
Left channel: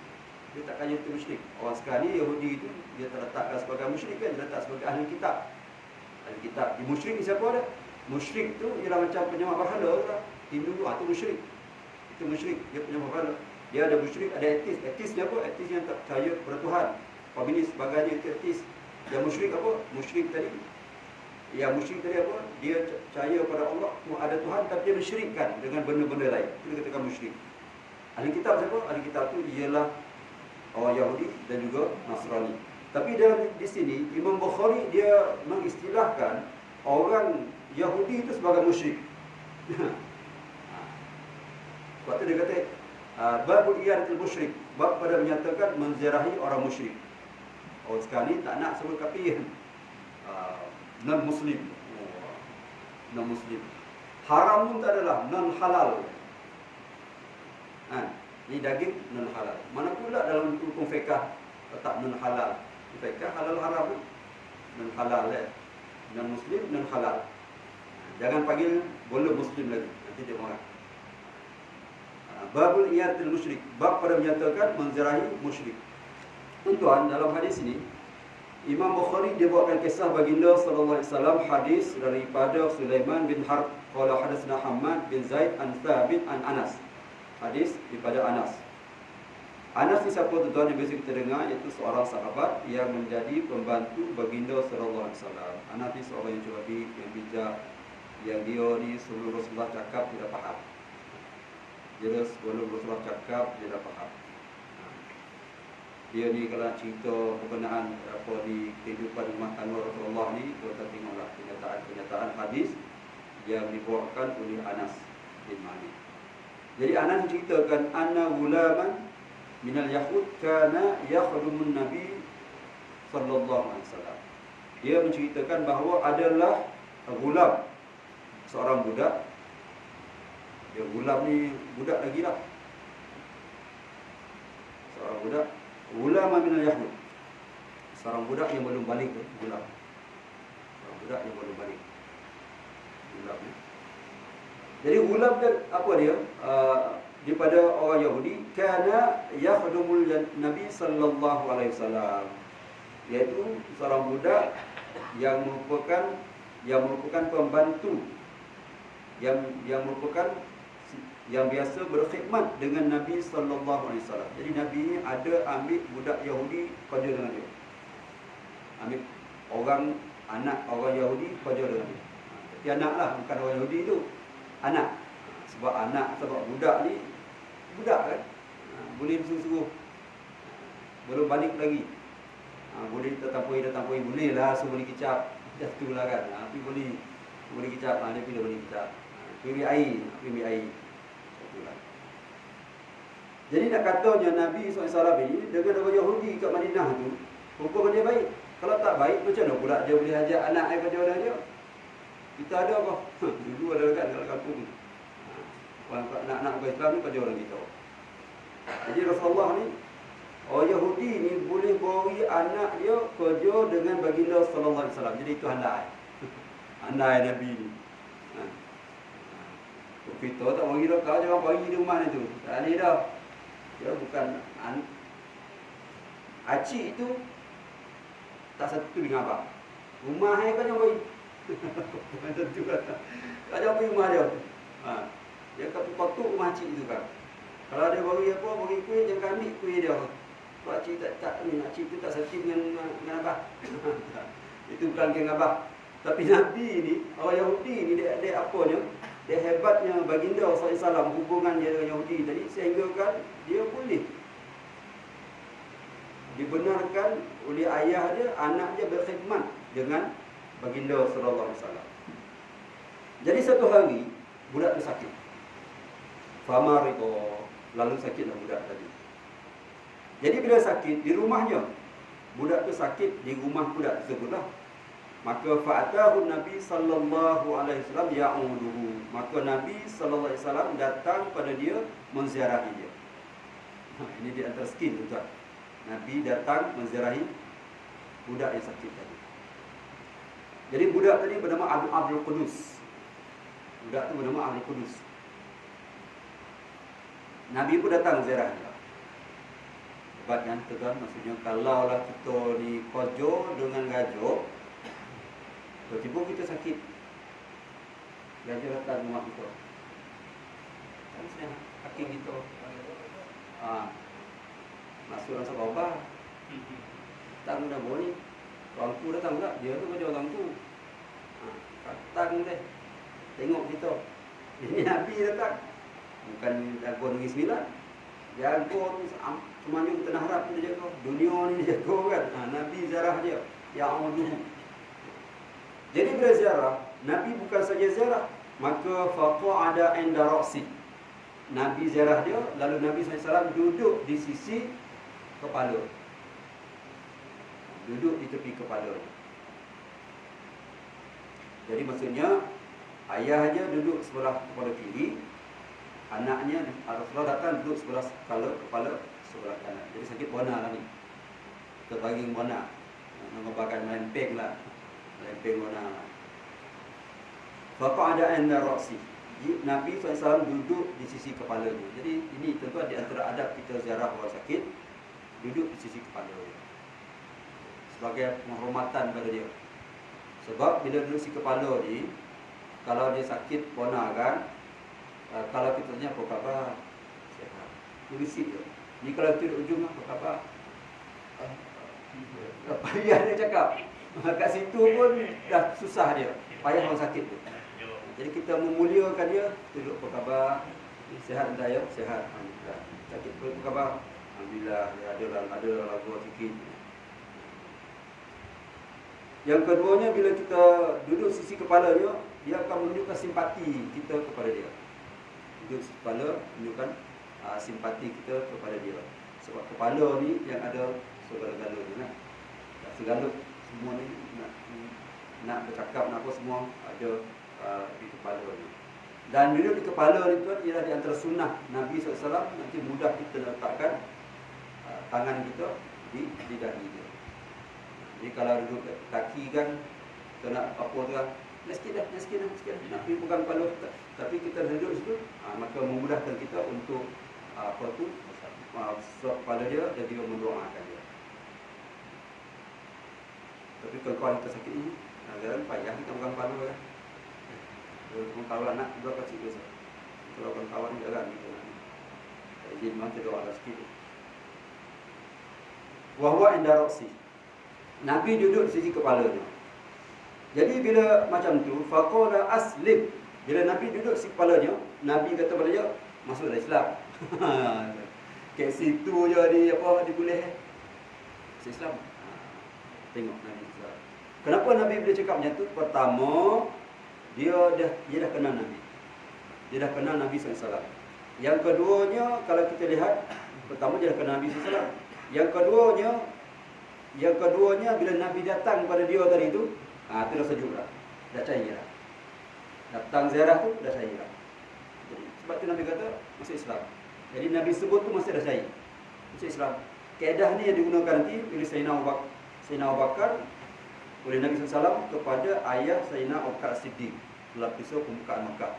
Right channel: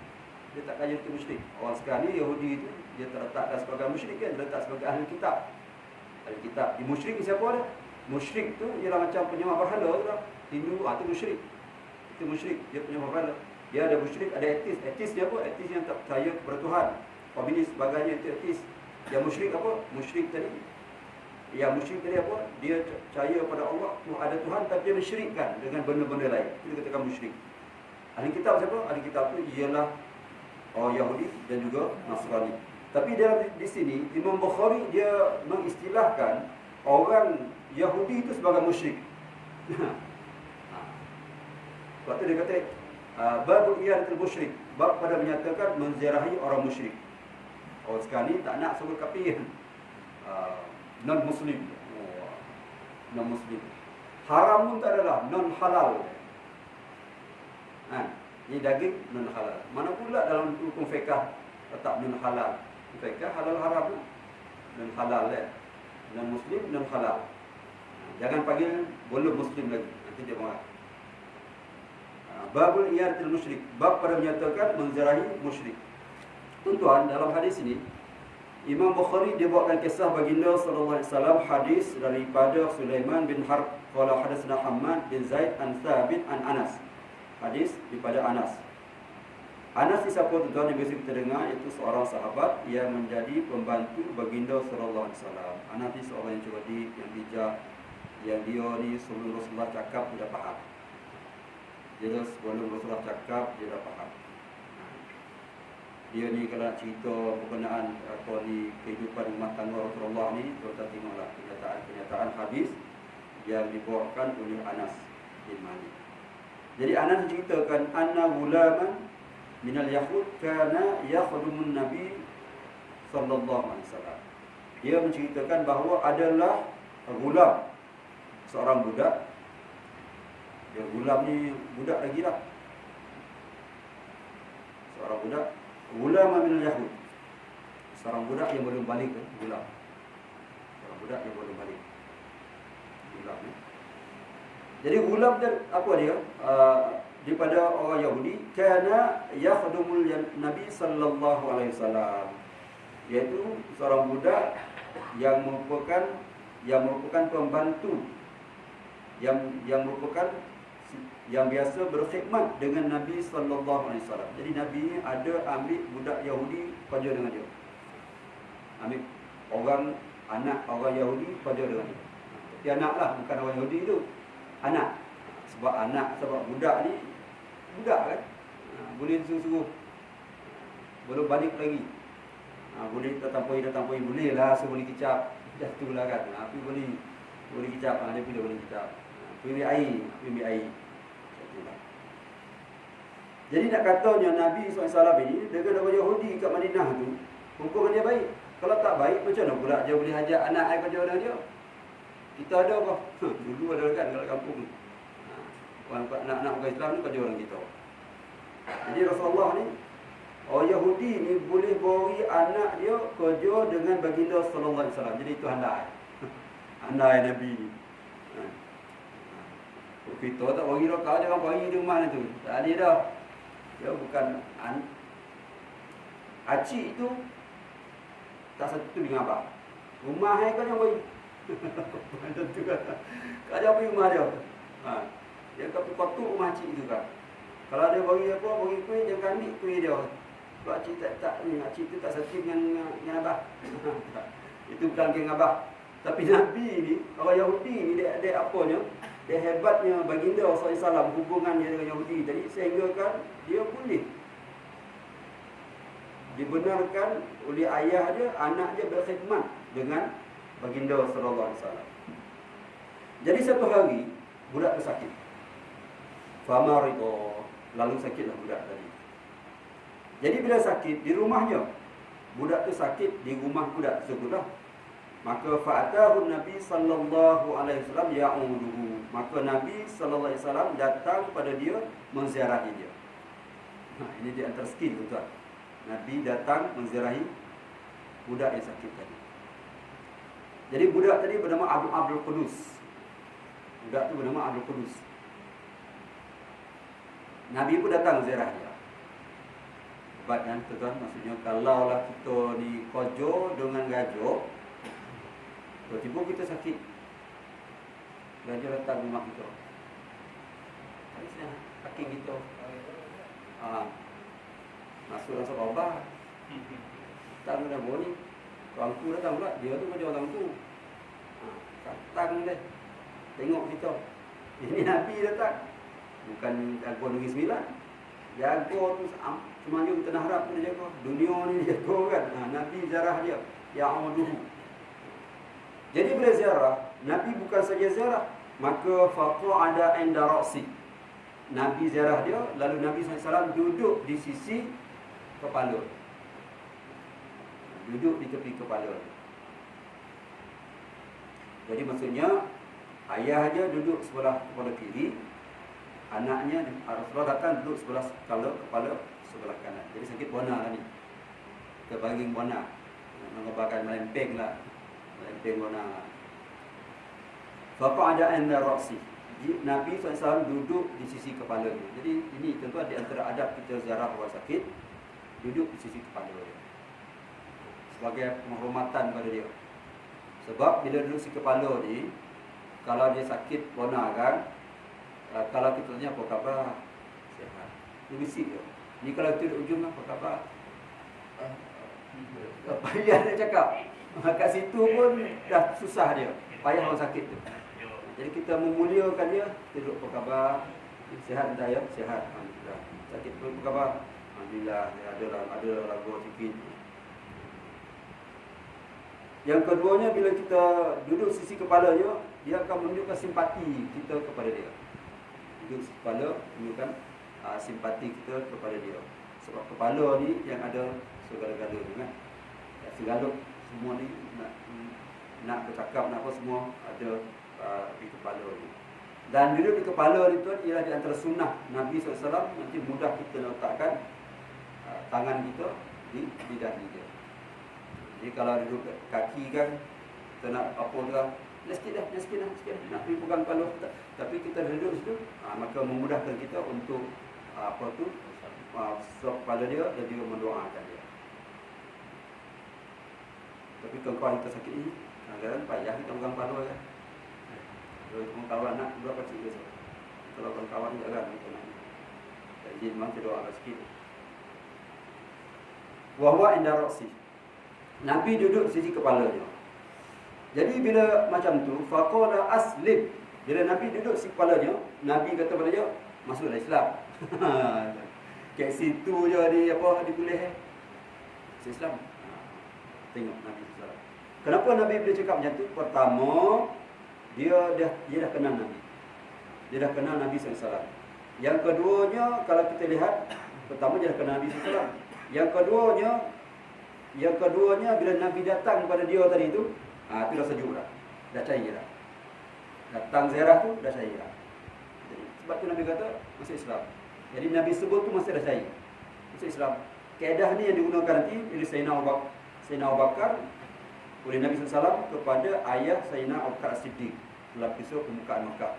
Dia takkan Yahudi tu musyrik. Orang sekarang ni Yahudi tu dia tak letakkan sebagai musyrik kan, dia letak sebagai ahli kitab. Ahli kitab. Di musyrik ni siapa ada? Musyrik tu ialah macam penyembah berhala tu lah. Hindu tu musyrik. Itu musyrik, dia penyembah berhala. Dia ada musyrik, ada etis. Etis ni apa? Etis yang tak percaya kepada Tuhan. Komunis sebagainya itu etis. Yang musyrik apa? Musyrik tadi. Yang musyrik tadi apa? Dia percaya pada Allah, ada Tuhan, tapi dia mensyirikkan dengan benda-benda lain. Itu dikatakan musyrik. Ahli kitab siapa? Ahli kitab tu ialah orang Yahudi dan juga Nasrani. Tapi di sini Imam Bukhari dia mengistilahkan orang Yahudi itu sebagai musyrik. Sebab tu dia kata babul iyadatul musyrik, bab pada menyatakan menziarahi orang musyrik. Orang sekarang ni tak nak sebut kafir, non-muslim. Non-muslim. Haram pun tak adalah, non-halal. Ini daging non-halal. Mana pula dalam hukum fiqah letak non-halal. Fiqah halal haram, non-halal non-muslim, non-halal. Jangan panggil belum muslim lagi, nanti dia marah. Babul iyadatul musyrik, bab pada menyatakan menziarahi musyrik. Tuan-tuan, dalam hadis ini Imam Bukhari dia bawakan kisah baginda sallallahu alaihi wasallam, hadis daripada Sulaiman bin Harb qala hadatsana Hammad bin Zaid an Thabit an Anas. Hadis daripada Anas. Anas ni siapa tuan-tuan yang biasa kita dengar, iaitu seorang sahabat yang menjadi pembantu baginda sallallahu alaihi wasallam. Anas ni seorang yang cerdik, yang bijak, yang dia ni sebelum Rasulullah cakap dia dah faham. Dia sebelum Rasulullah cakap dia dah faham. Dia ni kalau nak cerita berkenaan kehidupan rumah tangga Rasulullah ni, kita tengoklah kenyataan hadis yang dibawakan oleh Anas bin Malik. Jadi Anas menceritakan anna gulaman minal yahud kana yakhdumun nabi sallallahu alaihi wasallam. Dia menceritakan bahawa adalah gulam, seorang budak. Dia gulam ni budak lagi lah. Seorang budak, gulam minal yahud. Seorang budak yang belum balik, gulam. Seorang budak yang belum balik. Gulam ni. Jadi gulam dia apa dia? Daripada orang Yahudi, kana yakhdumul Nabi sallallahu alaihi wasallam. Iaitu seorang budak yang merupakan pembantu, yang merupakan yang biasa berkhidmat dengan Nabi sallallahu alaihi wasallam. Jadi Nabi ni ada ambil budak Yahudi kerja dengan dia. Ambil orang, anak orang Yahudi kerja dengan dia. Tapi anak lah, bukan orang Yahudi tu, anak. Sebab anak, sebab budak ni, budak kan, boleh suruh-suruh, belum balik lagi. Boleh tertampui, boleh lah suruh boleh kicap. Dah tu lah kan. Tapi boleh kicap. Dia pilih boleh kicap. Pergi ambil air. Satulah. Jadi nak katanya Nabi SAW ini dengan orang Yahudi kat Madinah tu, hubungan dia baik. Kalau tak baik, macam mana pula dia boleh ajak anak air kerja dengan dia? Kita ada apa? Dulu ada kan kalau kampung. Anak-anak orang Islam ni kerja dengan kita. Jadi Rasulullah ni, orang Yahudi ni boleh beri anak dia kerja dengan baginda sallallahu alaihi wasallam. Jadi itu handai. Handai Nabi ni. Kita tak bagi dah, kau jangan bagi di rumah ni tu. Tak ada dah. Dia bukan acik itu tak satu dengan abang. Rumah hai kau jangan bagi. Macam tu kan. Kau jangan bagi rumah dia. Dia akan kotak rumah acik itu kan. Kalau dia bagi apa, bagi kuih, jangan ambil kuih dia. Sebab acik acik tu tak satu dengan abah. Itu bukan geng abah. Tapi Nabi ni, orang Yahudi ni dia apanya? Dia hebatnya baginda SAW hubungan dia dengan Yahudi tadi sehingga kan dia boleh dibenarkan oleh ayah dia, anak dia berkhidmat dengan baginda SAW. Jadi satu hari budak tu sakit. Famarito, lalu sakitlah budak tadi. Jadi bila sakit di rumahnya, budak tu sakit di rumah budak tersebutlah. Maka fa'atahu Nabi sallallahu alaihi wasallam ya'uduhu. Maka Nabi sallallahu alaihi wasallam datang pada dia menziarahi dia. Ini di antara skill tuan. Nabi datang menziarahi budak yang sakit tadi. Jadi budak tadi bernama Abdul Qudus. Budak tu bernama Abdul Qudus. Nabi pun datang ziarah dia. Hebat kan tuan? Maksudnya kalaulah kita ni kojo dengan gajo, tiba-tiba kita sakit, gajah datang rumah kita, harusnya hakim kita masuk dalam sebuah bar. Datang dah bawa ni, tuanku datang pula, dia tu kerja tuanku. Datang deh, tengok kita. Ini Nabi datang, bukan jago Negeri Sembilan. Jago tu semuanya tanah harap pun dia jago, dunia ni dia jago kan. Nabi ziarah dia, ya amaduhu. Jadi bila ziarah, Nabi bukan saja ziarah, maka faqa'ada inda ra'si. Nabi ziarah dia, lalu Nabi SAW duduk di sisi kepala. Duduk di tepi kepala. Jadi maksudnya ayah dia duduk sebelah kepala kiri, anaknya Rasulullah datang duduk sebelah kepala sebelah kanan. Jadi sakit bona lah ni. Terbaring bona. Mengobarkan melempeng lah. Lempeng bona lah. Faqa'ada inda ra'si. Nabi SAW duduk di sisi kepala dia. Jadi ini tentu di antara adab kita ziarah orang sakit, duduk di sisi kepala dia. Sebagai penghormatan pada dia. Sebab bila duduk si kepala ni, kalau dia sakit bona kan, kalau kita tanya apa khabar, sihat. Dia bisik je. Ni kalau kita duduk ujung, apa khabar? Payah dia cakap. Kat situ pun dah susah dia. Payah orang sakit tu. Jadi kita memuliakan dia, duduk apa khabar? Sihat entah ya? Sihat. Alhamdulillah. Sakit pun apa khabar? Alhamdulillah. Ada lagu sikit. Yang keduanya, bila kita duduk sisi kepalanya, dia akan menunjukkan simpati kita kepada dia. Duduk sisi kepala, menunjukkan simpati kita kepada dia. Sebab kepala ni yang ada segala-galanya kan. Segala semua ni nak bercakap, nak apa semua ada di kepala ni. Dan duduk di kepala ni tuan ialah di antara sunnah Nabi SAW. Nanti mudah kita letakkan tangan kita di dahi dia. Jadi kalau duduk kaki kan, kita nak apa tu kan, sikit dah, nak pergi pegang kepala. Tapi kita duduk situ, maka memudahkan kita untuk kepala dia dan juga mendoakan dia. Tapi kalau kita sakit ni, kadang-kadang payah kita pegang kepala ya. Kalau kawan anak berapa kecil biasa. Kalau kawan jarang kita nak. Tak izin memang kita doa sikit. Wa huwa inda ra'si. Nabi duduk di sisi kepalanya. Jadi bila macam tu, faqala aslim. Bila Nabi duduk di sisi kepalanya, Nabi kata pada dia, masuklah Islam. Kat situ je dipulih masuk Islam. Tengok Nabi SAW. Kenapa Nabi boleh cakap macam tu? Pertama, dia dah kenal Nabi. Dia dah kenal Nabi SAW. Yang keduanya, kalau kita lihat, pertama dia dah kenal Nabi SAW. Yang keduanya bila Nabi datang pada dia tadi tu, tu dah sejuk dah. Dah cair dah. Datang ziarah tu dah cair dah. Jadi, sebab tu Nabi kata masuk Islam. Jadi Nabi sebut tu masih dah cair. Masuk Islam. Kaedah ni yang digunakan nanti oleh Sayyidina Abu Bakar oleh Nabi SAW kepada ayah Sayyidina Abu Bakar As-Siddiq dalam kisah pembukaan Mekah.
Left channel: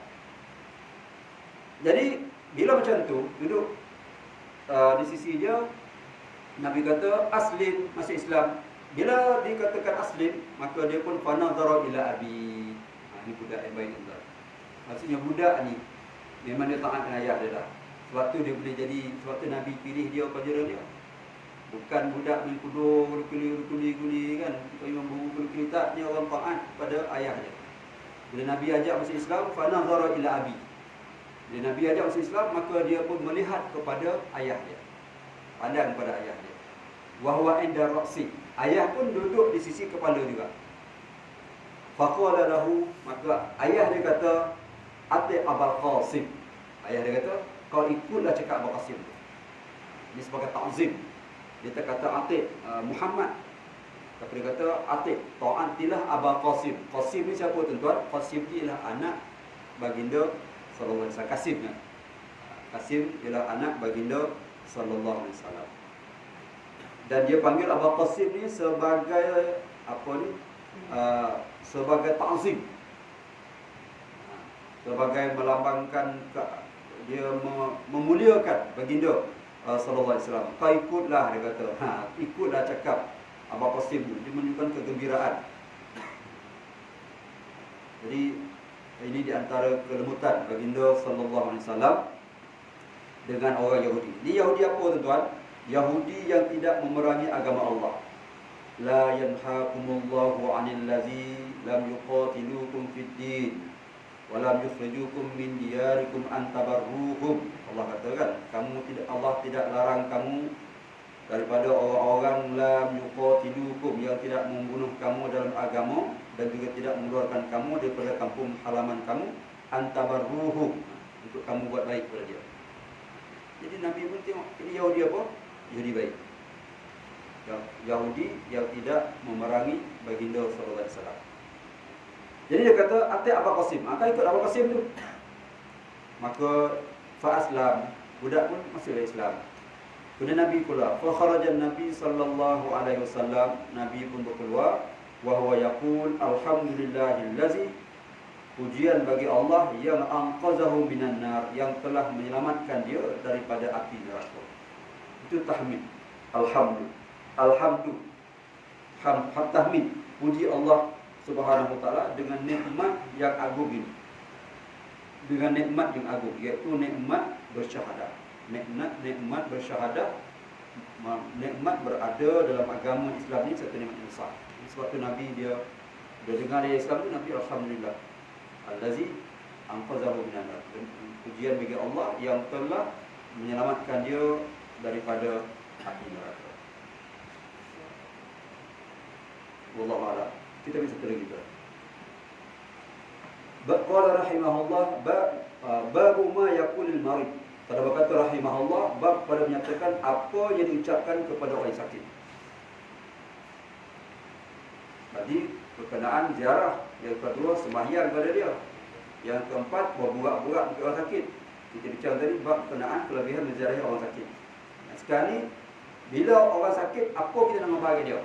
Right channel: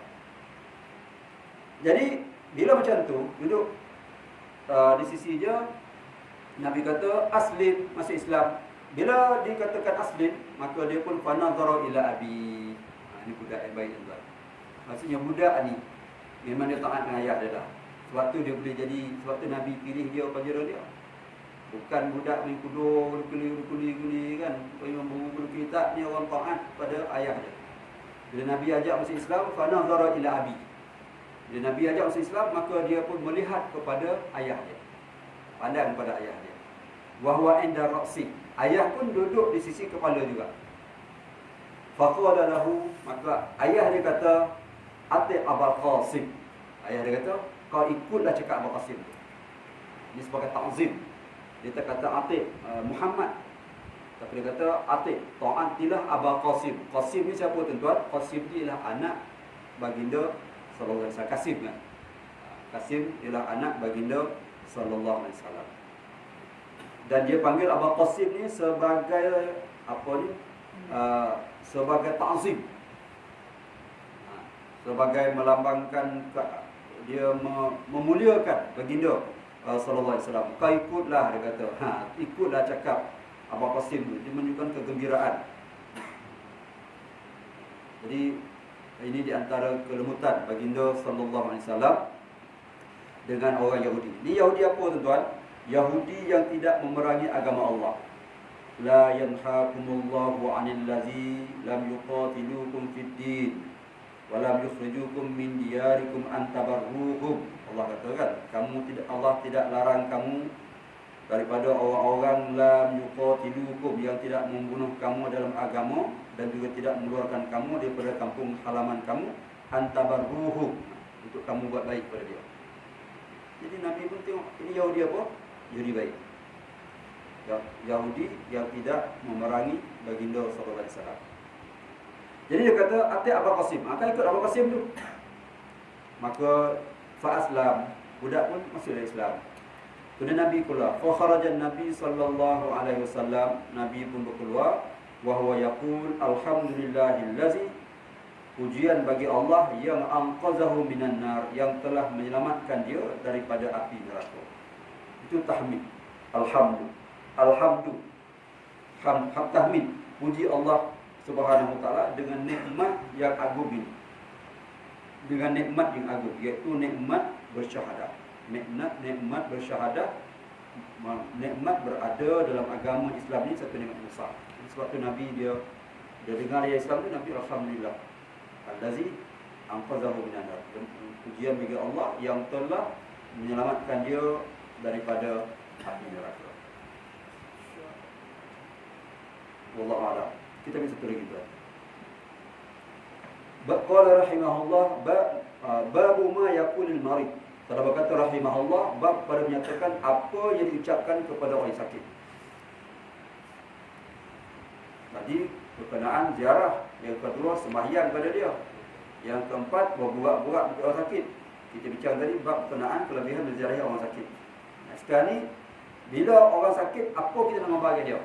Jadi bila macam tu duduk di sisi dia, Nabi kata aslim, masuk Islam. Bila dikatakan aslim, maka dia pun fanazara ila abi. Ini budak yang baik tuan. Maksudnya budak ni memang dia taat dengan ayah dia lah. Sebab tu dia boleh jadi, sebab tu Nabi pilih dia penjara dia. Bukan budak main kudur, kuli kan. Imam kuli tak, dia orang taat pada ayah dia. Bila Nabi ajak masuk Islam, fanazara ila abi. Bila Nabi ajak masuk Islam, maka dia pun melihat kepada ayah dia. Pandang pada ayah dia. Wa huwa inda ra'si. Ayah pun duduk di sisi kepala juga. Faqala lahu, maka ayah dia kata, ati Abul Qasim. Ayah dia kata, kau ikutlah cakap Abul Qasim. Ini sebagai ta'zim. Dia tak kata ati Muhammad, tapi dia kata ati ta'atilah Abul Qasim. Qasim ni siapa tuan-tuan? Qasim ni ialah anak baginda sallallahu alaihi wasallam. Qasim kan? Qasim ialah anak baginda sallallahu alaihi wasallam. Dan dia panggil Abul Qasim ni sebagai apa ni? Sebagai ta'zim. Sebagai melambangkan dia memuliakan baginda sallallahu alaihi wasallam. Kau ikutlah, dia kata. Ikutlah cakap Abul Qasim tu. Dia menunjukkan kegembiraan. Jadi ini di antara kelemutan baginda sallallahu alaihi wasallam dengan orang Yahudi. Ini Yahudi apa tuan-tuan? Yahudi yang tidak memerangi agama Allah. La yanhaakumullahu 'anil ladzi lam yuqatilukum fid din wa lam yukhrijukum min diyarikum an tabarruhum. Allah katakan, Allah tidak larang kamu daripada orang-orang lam yuqatilukum, yang tidak membunuh kamu dalam agama dan juga tidak mengeluarkan kamu daripada kampung halaman kamu, an tabarruhum, untuk kamu buat baik pada dia. Jadi Nabi pun tengok, ini Yahudi apa? Yahudi baik. Yahudi yang tidak memerangi baginda sallallahu alaihi wasallam. Jadi dia kata ati Abul Qasim, akan ikut Abul Qasim tu. Maka fa aslam, budak pun masuklah Islam. Kemudian Nabi keluar. Fa kharajan Nabi sallallahu alaihi wasallam, Nabi pun berkeluar, wa huwa yaqul alhamdulillahillazi, pujian bagi Allah yang anqazahu minan nar, yang telah menyelamatkan dia daripada api neraka. Itu tahmid. Tahmid, puji Allah Subhanahu wa taala dengan nikmat yang agung ini. Dengan nikmat yang agung, iaitu nikmat bersyahadah. Nikmat bersyahadah, nikmat berada dalam agama Islam ini satu nikmat yang besar. Sebab tu Nabi dia dengar dia Islam tu, Nabi alhamdulillah allazi anqazahu minan nar. Pujian bagi Allah yang telah menyelamatkan dia daripada api neraka. Wallahu a'lam. Kita bisa satu lagi tuan. Qala rahimahullah babu ma yaqulul marid. Pada berkata rahimahullah, bab pada menyatakan apa yang diucapkan kepada orang sakit. Tadi berkenaan ziarah, yang kedua sembahyang pada dia, yang keempat berbuat-buat untuk orang sakit. Kita bincang tadi bab berkenaan kelebihan menziarahi orang sakit. Sekarang ni bila orang sakit, apa kita nak bagi dia?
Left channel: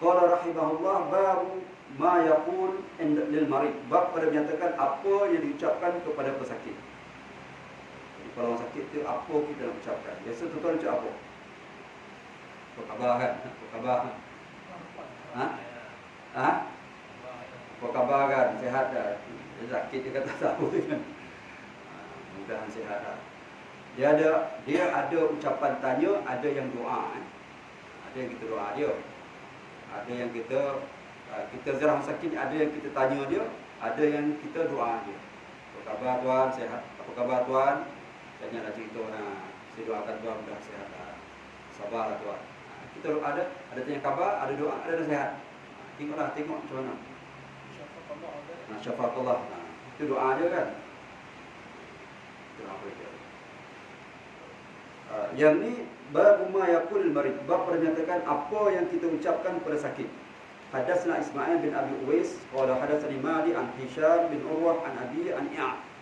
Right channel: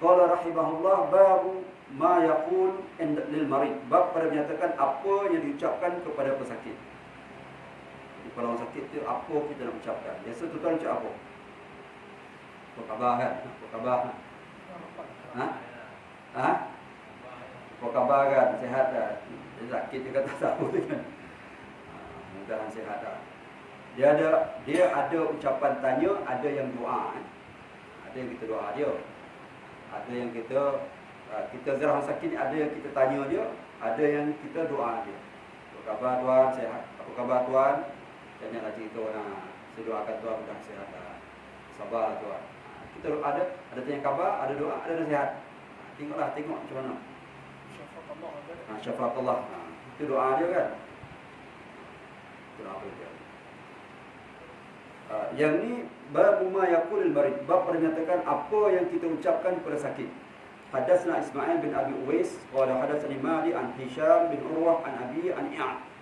Qala rahimahullah babu ma yaqul lil marid. Bab pada menyatakan apa yang diucapkan kepada pesakit. Jadi kalau orang sakit tu apa kita nak ucapkan? Biasa tuan-tuan ucap apa? Apa khabar kan? Apa khabar? Apa khabar kan? Sihat dah. Dia sakit dia kata tahu tu kan. Mudah-mudahan sihat dah. Dia ada ucapan tanya, ada yang doa kan. Ada yang kita doa dia. Ada yang kita ziarah orang sakit, ada yang kita tanya dia, ada yang kita doa dia. Apa khabar tuan? Sehat. Apa khabar tuan? Saya nak cerita saya doakan tuan mudah sihat. Sabarlah tuan. Kita ada tanya khabar, ada doa, ada nasihat. Tengok macam mana. Syafakallah ada. Syafakallah. Itu doa dia kan. Itu doa dia. Yang ni bab ma yaqulul marid, bab menyatakan apa yang kita ucapkan pada sakit. Hadatsana Ismail bin Abi Uwais qala hadatsani Mali an Hisham bin Urwah an Abi an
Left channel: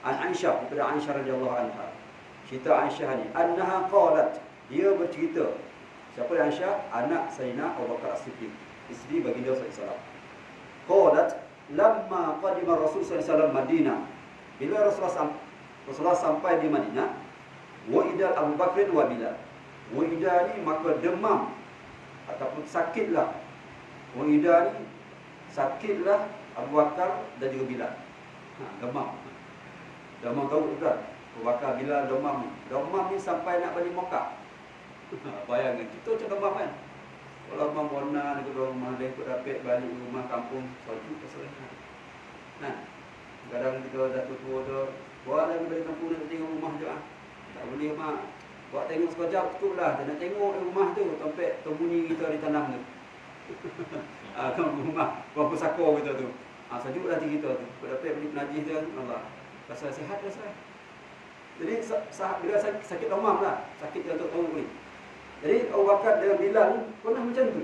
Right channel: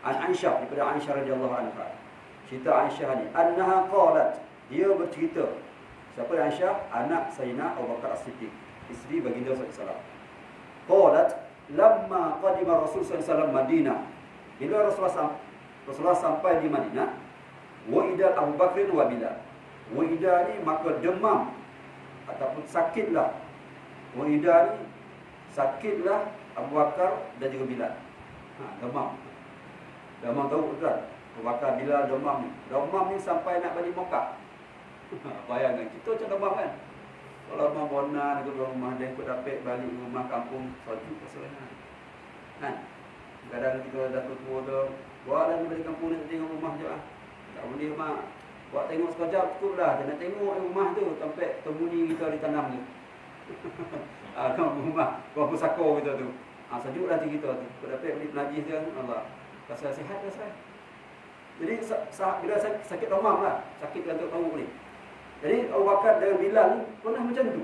Aisyah daripada Aisyah radhiyallahu anha. Cerita Aisyah ni annaha qalat, dia bercerita. Siapa Aisyah? Anak Sayyidina Abu Bakar As-Siddiq, isteri baginda sallallahu alaihi wasallam. Qalat lamma qadima Rasul sallallahu alaihi wasallam Madinah. Bila Rasulullah sampai di Madinah, wa'ida Abu Bakrin wa Bilal. Wa'ida ni maka demam ataupun sakitlah. Wa'ida ni sakitlah Abu Bakar dan juga Bilal. Demam. Demam tahu betul. Abu Bakar, Bilal demam ni. Demam ni sampai nak balik Mekah. Bayangkan kita macam demam kan. Kalau demam bonan ke rumah dia ikut dapat balik rumah kampung salju keserengan. Kan? Kadang kita dah tua tu, buatlah balik kampung nak tengok rumah je ah. Tak boleh mak. Buat tengok sekejap cukuplah. Tak nak tengok rumah tu sampai terbunyi kita ditanam tu. Kan rumah berapa sakor kita tu. Sejuklah hati kita tu. Kalau dapat beli penajis dia, Allah. Rasa sihat rasa. Jadi bila sakit demam lah. Sakit yang tak tahu ni. Jadi Abu Bakar dengan Bilal ni pernah macam tu.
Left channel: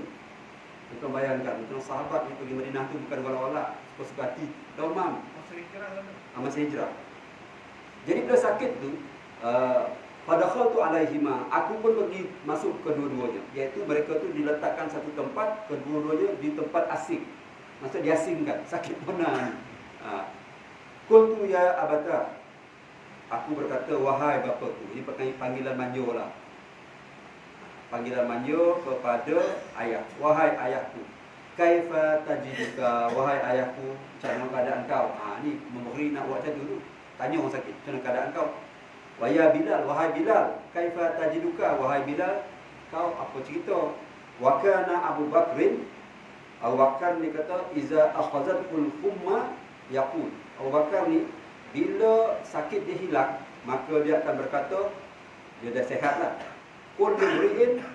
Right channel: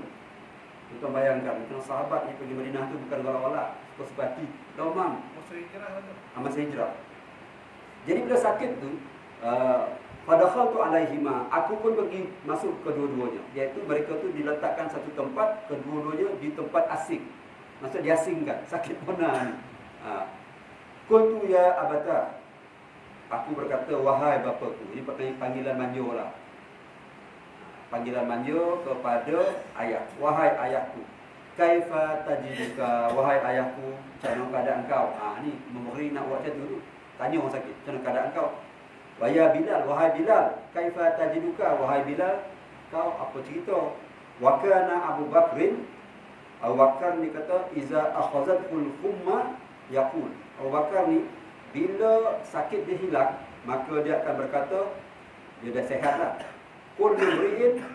Tuan bayangkan, tuan sahabat ni pergi Madinah tu bukan golak-golak. Sepati demam. Masa hijrah tu. Masa hijrah. Jadi bila sakit tu, Fadakhaltu alaihima, aku pun pergi masuk kedua-duanya. Iaitu mereka tu diletakkan satu tempat, kedua-duanya di tempat asing. Maksud diasingkan, sakit pernah ni. Qultu ya abata, aku berkata wahai bapaku. Ini panggilan manjur lah. Panggilan manjur kepada ayah. Wahai ayahku. Kaifa tajiduka, wahai ayahku, macam mana keadaan kau? Ni memberi nak buat macam tu. Tanya orang sakit, macam mana keadaan kau? Wa ya Bilal, wahai Bilal, kaifa tajiduka, wahai Bilal, kau apa cerita? Wa kana Abu Bakrin, Abu Bakar ni kata iza akhazatul humma yaqul. Abu Bakar ni bila sakit dia hilang, maka dia akan berkata, dia dah sihatlah. Kullu mri'in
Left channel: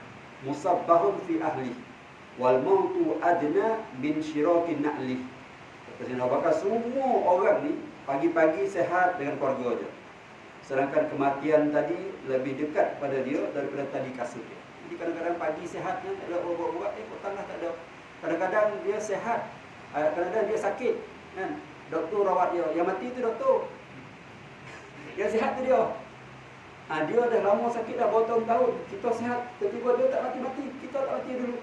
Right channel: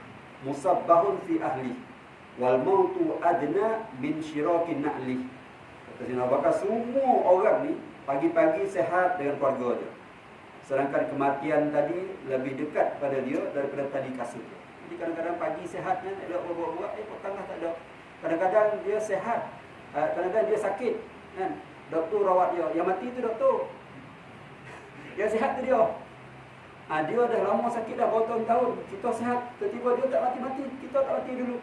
musabbahun fi ahli wal mautu adna min syirakin na'li. Kata Sayyidina Abu Bakar, semua orang ni pagi-pagi sihat dengan keluarga dia. Sedangkan kematian tadi lebih dekat pada dia daripada tadi kasut dia. Jadi kadang-kadang pagi sihatnya tak ada buat-buat, kok tengah tak ada. Kadang-kadang dia sihat, kadang-kadang dia sakit kan. Doktor rawat dia, yang mati tu doktor. Yang sihat tu dia. Dia dah lama sakit dah bertahun-tahun. Kita sihat, tiba-tiba dia tak mati-mati, kita tak mati dulu.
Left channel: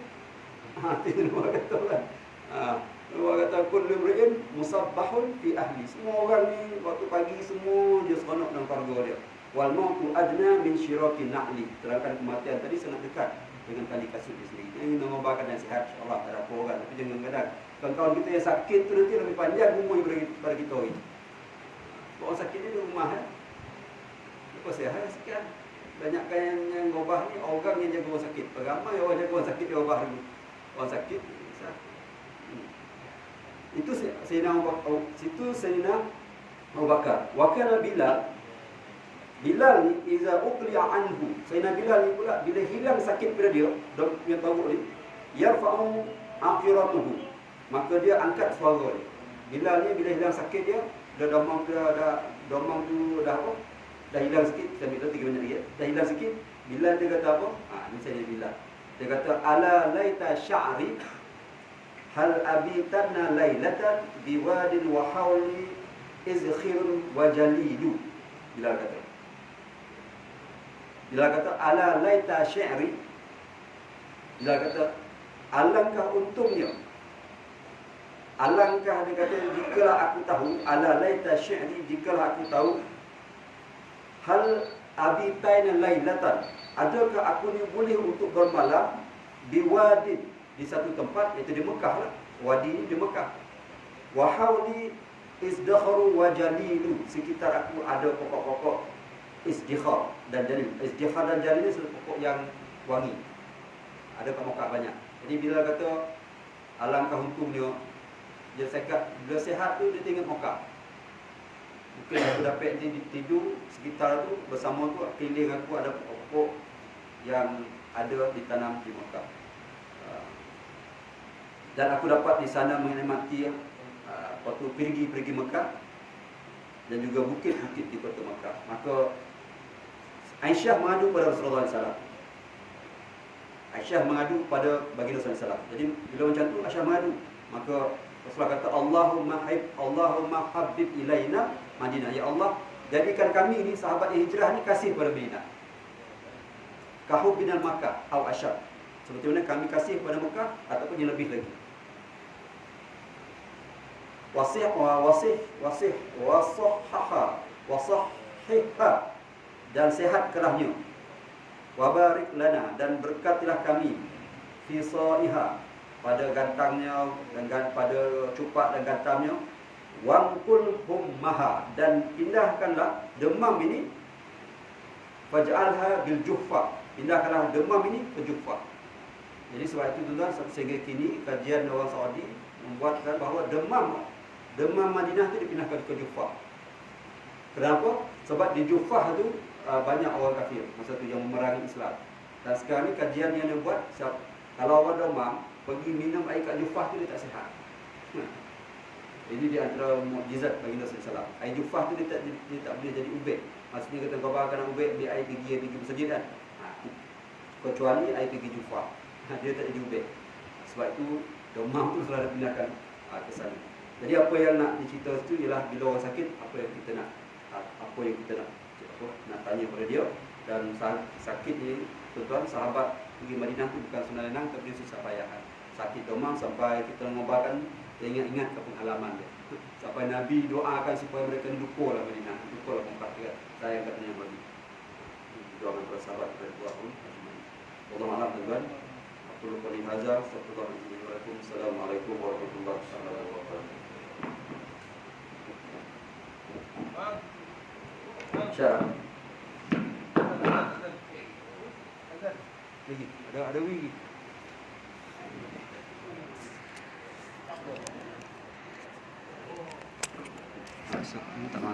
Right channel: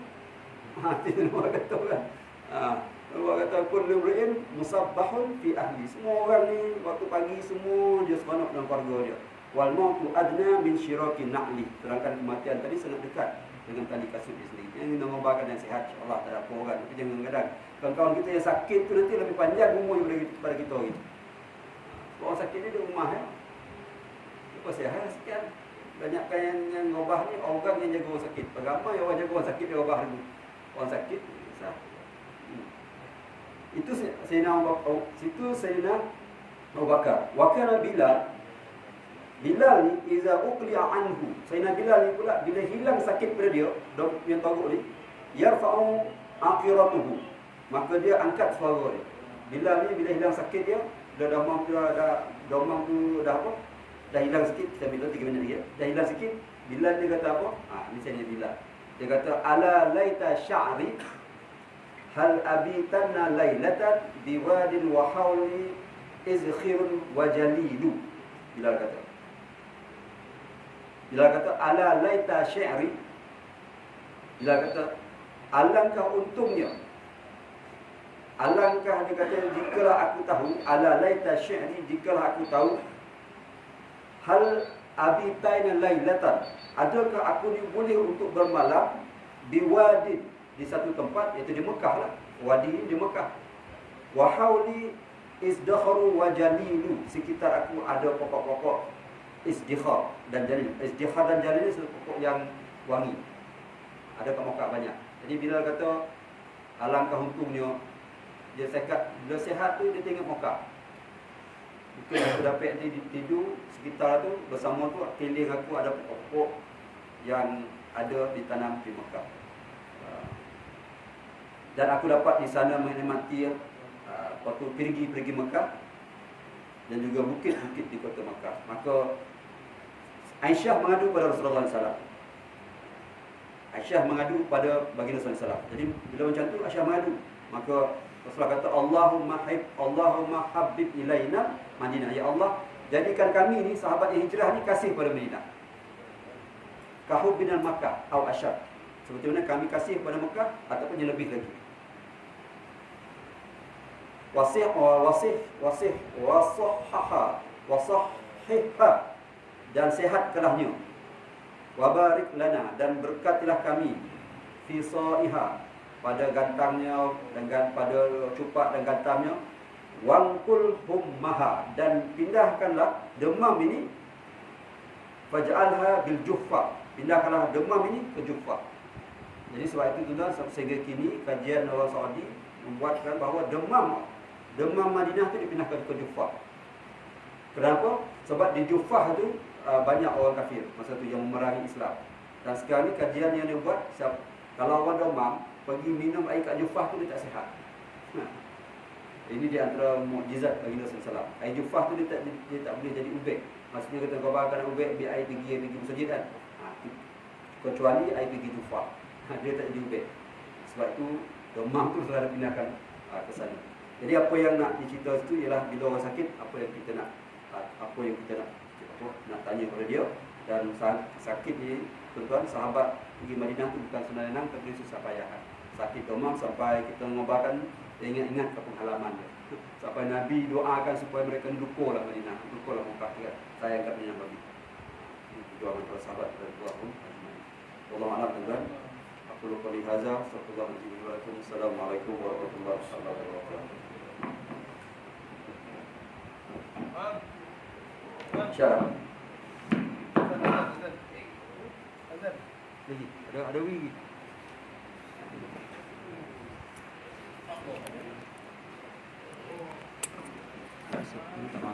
Itu dua kata kan. Allah kata kullu mri'in musabbahun fi ahli. Semua orang ni waktu pagi semua dia seronok dalam keluarga dia. Wal mautu adna min syirakin na'li. Terangkan kematian tadi sangat dekat dengan tali kasut dia sendiri. Yang nak ngobarkan dan sihat insya-Allah tak ada apa orang. Tapi jangan kadang kawan-kawan kita yang sakit tu nanti lebih panjang umur daripada kita ni. Orang sakit ni di rumah ya. Lepas sihat sekian. Banyakkan yang ngobah ni orang yang jaga orang sakit. Ramai orang jaga orang sakit dia ngobah dulu. Orang sakit sah. Itu Sayyidina Abu Bakar. Wa kana Bilal ni iza uqli'a anhu. Sayyidina Bilal ni pula bila hilang sakit pada dia, yang tahu ni, yarfa'u aqiratuhu. Maka dia angkat suara dia. Bilal ni bila hilang sakit dia, demam tu dah apa? Dah hilang sikit, kita ambil 3 minit lagi ya. Dah hilang sikit, Bilal dia kata apa? Ni Sayyidina Bilal. Dia kata ala laita sya'ri hal abitanna lailatan biwadin wa hawli izkhirun wa jalilu. Bilal kata ala laita syi'ri. Bilal kata alangkah untungnya, alangkah dia kata jikalau aku tahu, ala laita syi'ri, jikalau aku tahu, hal abitaina lailatan, adakah aku ni boleh untuk bermalam biwadin, di satu tempat, iaitu di Mekah lah. Wadi ni di Mekah. Wa hauli izdakharu wa jalilu, sekitar aku ada pokok-pokok Izdikhar dan jalil. Izdikhar dan jalil ni satu pokok yang wangi. Ada kat Mekah banyak. Jadi bila kata alangkah untungnya dia sekat, bila sihat tu dia tengok Mekah. Mungkin aku dapat tidur sekitar tu bersama tu keliling aku ada pokok yang ada ditanam di Mekah. Dan aku dapat di sana menikmati waktu pergi Mekah dan juga bukit-bukit di kota Mekah. Maka Aisyah mengadu pada Rasulullah SAW. Aisyah mengadu pada baginda SAW. Jadi bila macam tu Aisyah mengadu, maka Rasulullah kata Allahumma habib ilaina Madinah. Ya Allah, jadikan kami ni sahabat yang hijrah ni kasih pada Madinah. Kahub binal Makkah atau asyad. Seperti mana kami kasih pada Mekah ataupun yang lebih lagi. Wasahha dan sehat kelahnya. Wabarik lana dan berkatilah kami fi saiha pada gantangnya dan pada cupak dan gantamnya. Wangkul hummaha dan pindahkanlah demam ini faj'alha bil juhfa. Pindahkanlah demam ini ke Juhfah. Jadi sebab itu tuan-tuan sehingga kini kajian orang Saudi membuatkan bahawa demam Madinah itu dipindahkan ke Juhfah. Kenapa? Sebab di Juhfah tu banyak orang kafir masa tu yang memerangi Islam. Dan sekarang ni kajian yang dia buat, kalau orang demam pergi minum air kat Juhfah tu dia tak sihat. Ini di antara mukjizat baginda sallallahu. Air Juhfah tu dia tak boleh jadi ubek. Maksudnya kita kau bawa nak ubek ambil air pergi masjid kan. Kecuali air pergi Juhfah. Dia tak jadi ubek. Sebab itu demam tu selalu pindahkan ke sana. Jadi apa yang nak dicerita itu ialah bila orang sakit apa yang kita nak tanya pada dia. Dan sakit ni tuan-tuan, sahabat pergi Madinah tu bukan senang-senang tapi susah payahan. Sakit demam sampai kita mengobatkan dia ingat-ingat ke pengalaman dia. Sampai Nabi doakan supaya mereka lupalah Madinah, lupalah Mekah kan. Sayang katanya bagi. Doa para sahabat dari Tuhan ajmain. Wallahu a'lam tuan. Aku lupa li hadza, astagfirullahaladzim. Assalamualaikum warahmatullahi wabarakatuh. Syarah. Lagi ada wigi. Masuk, tak masuk.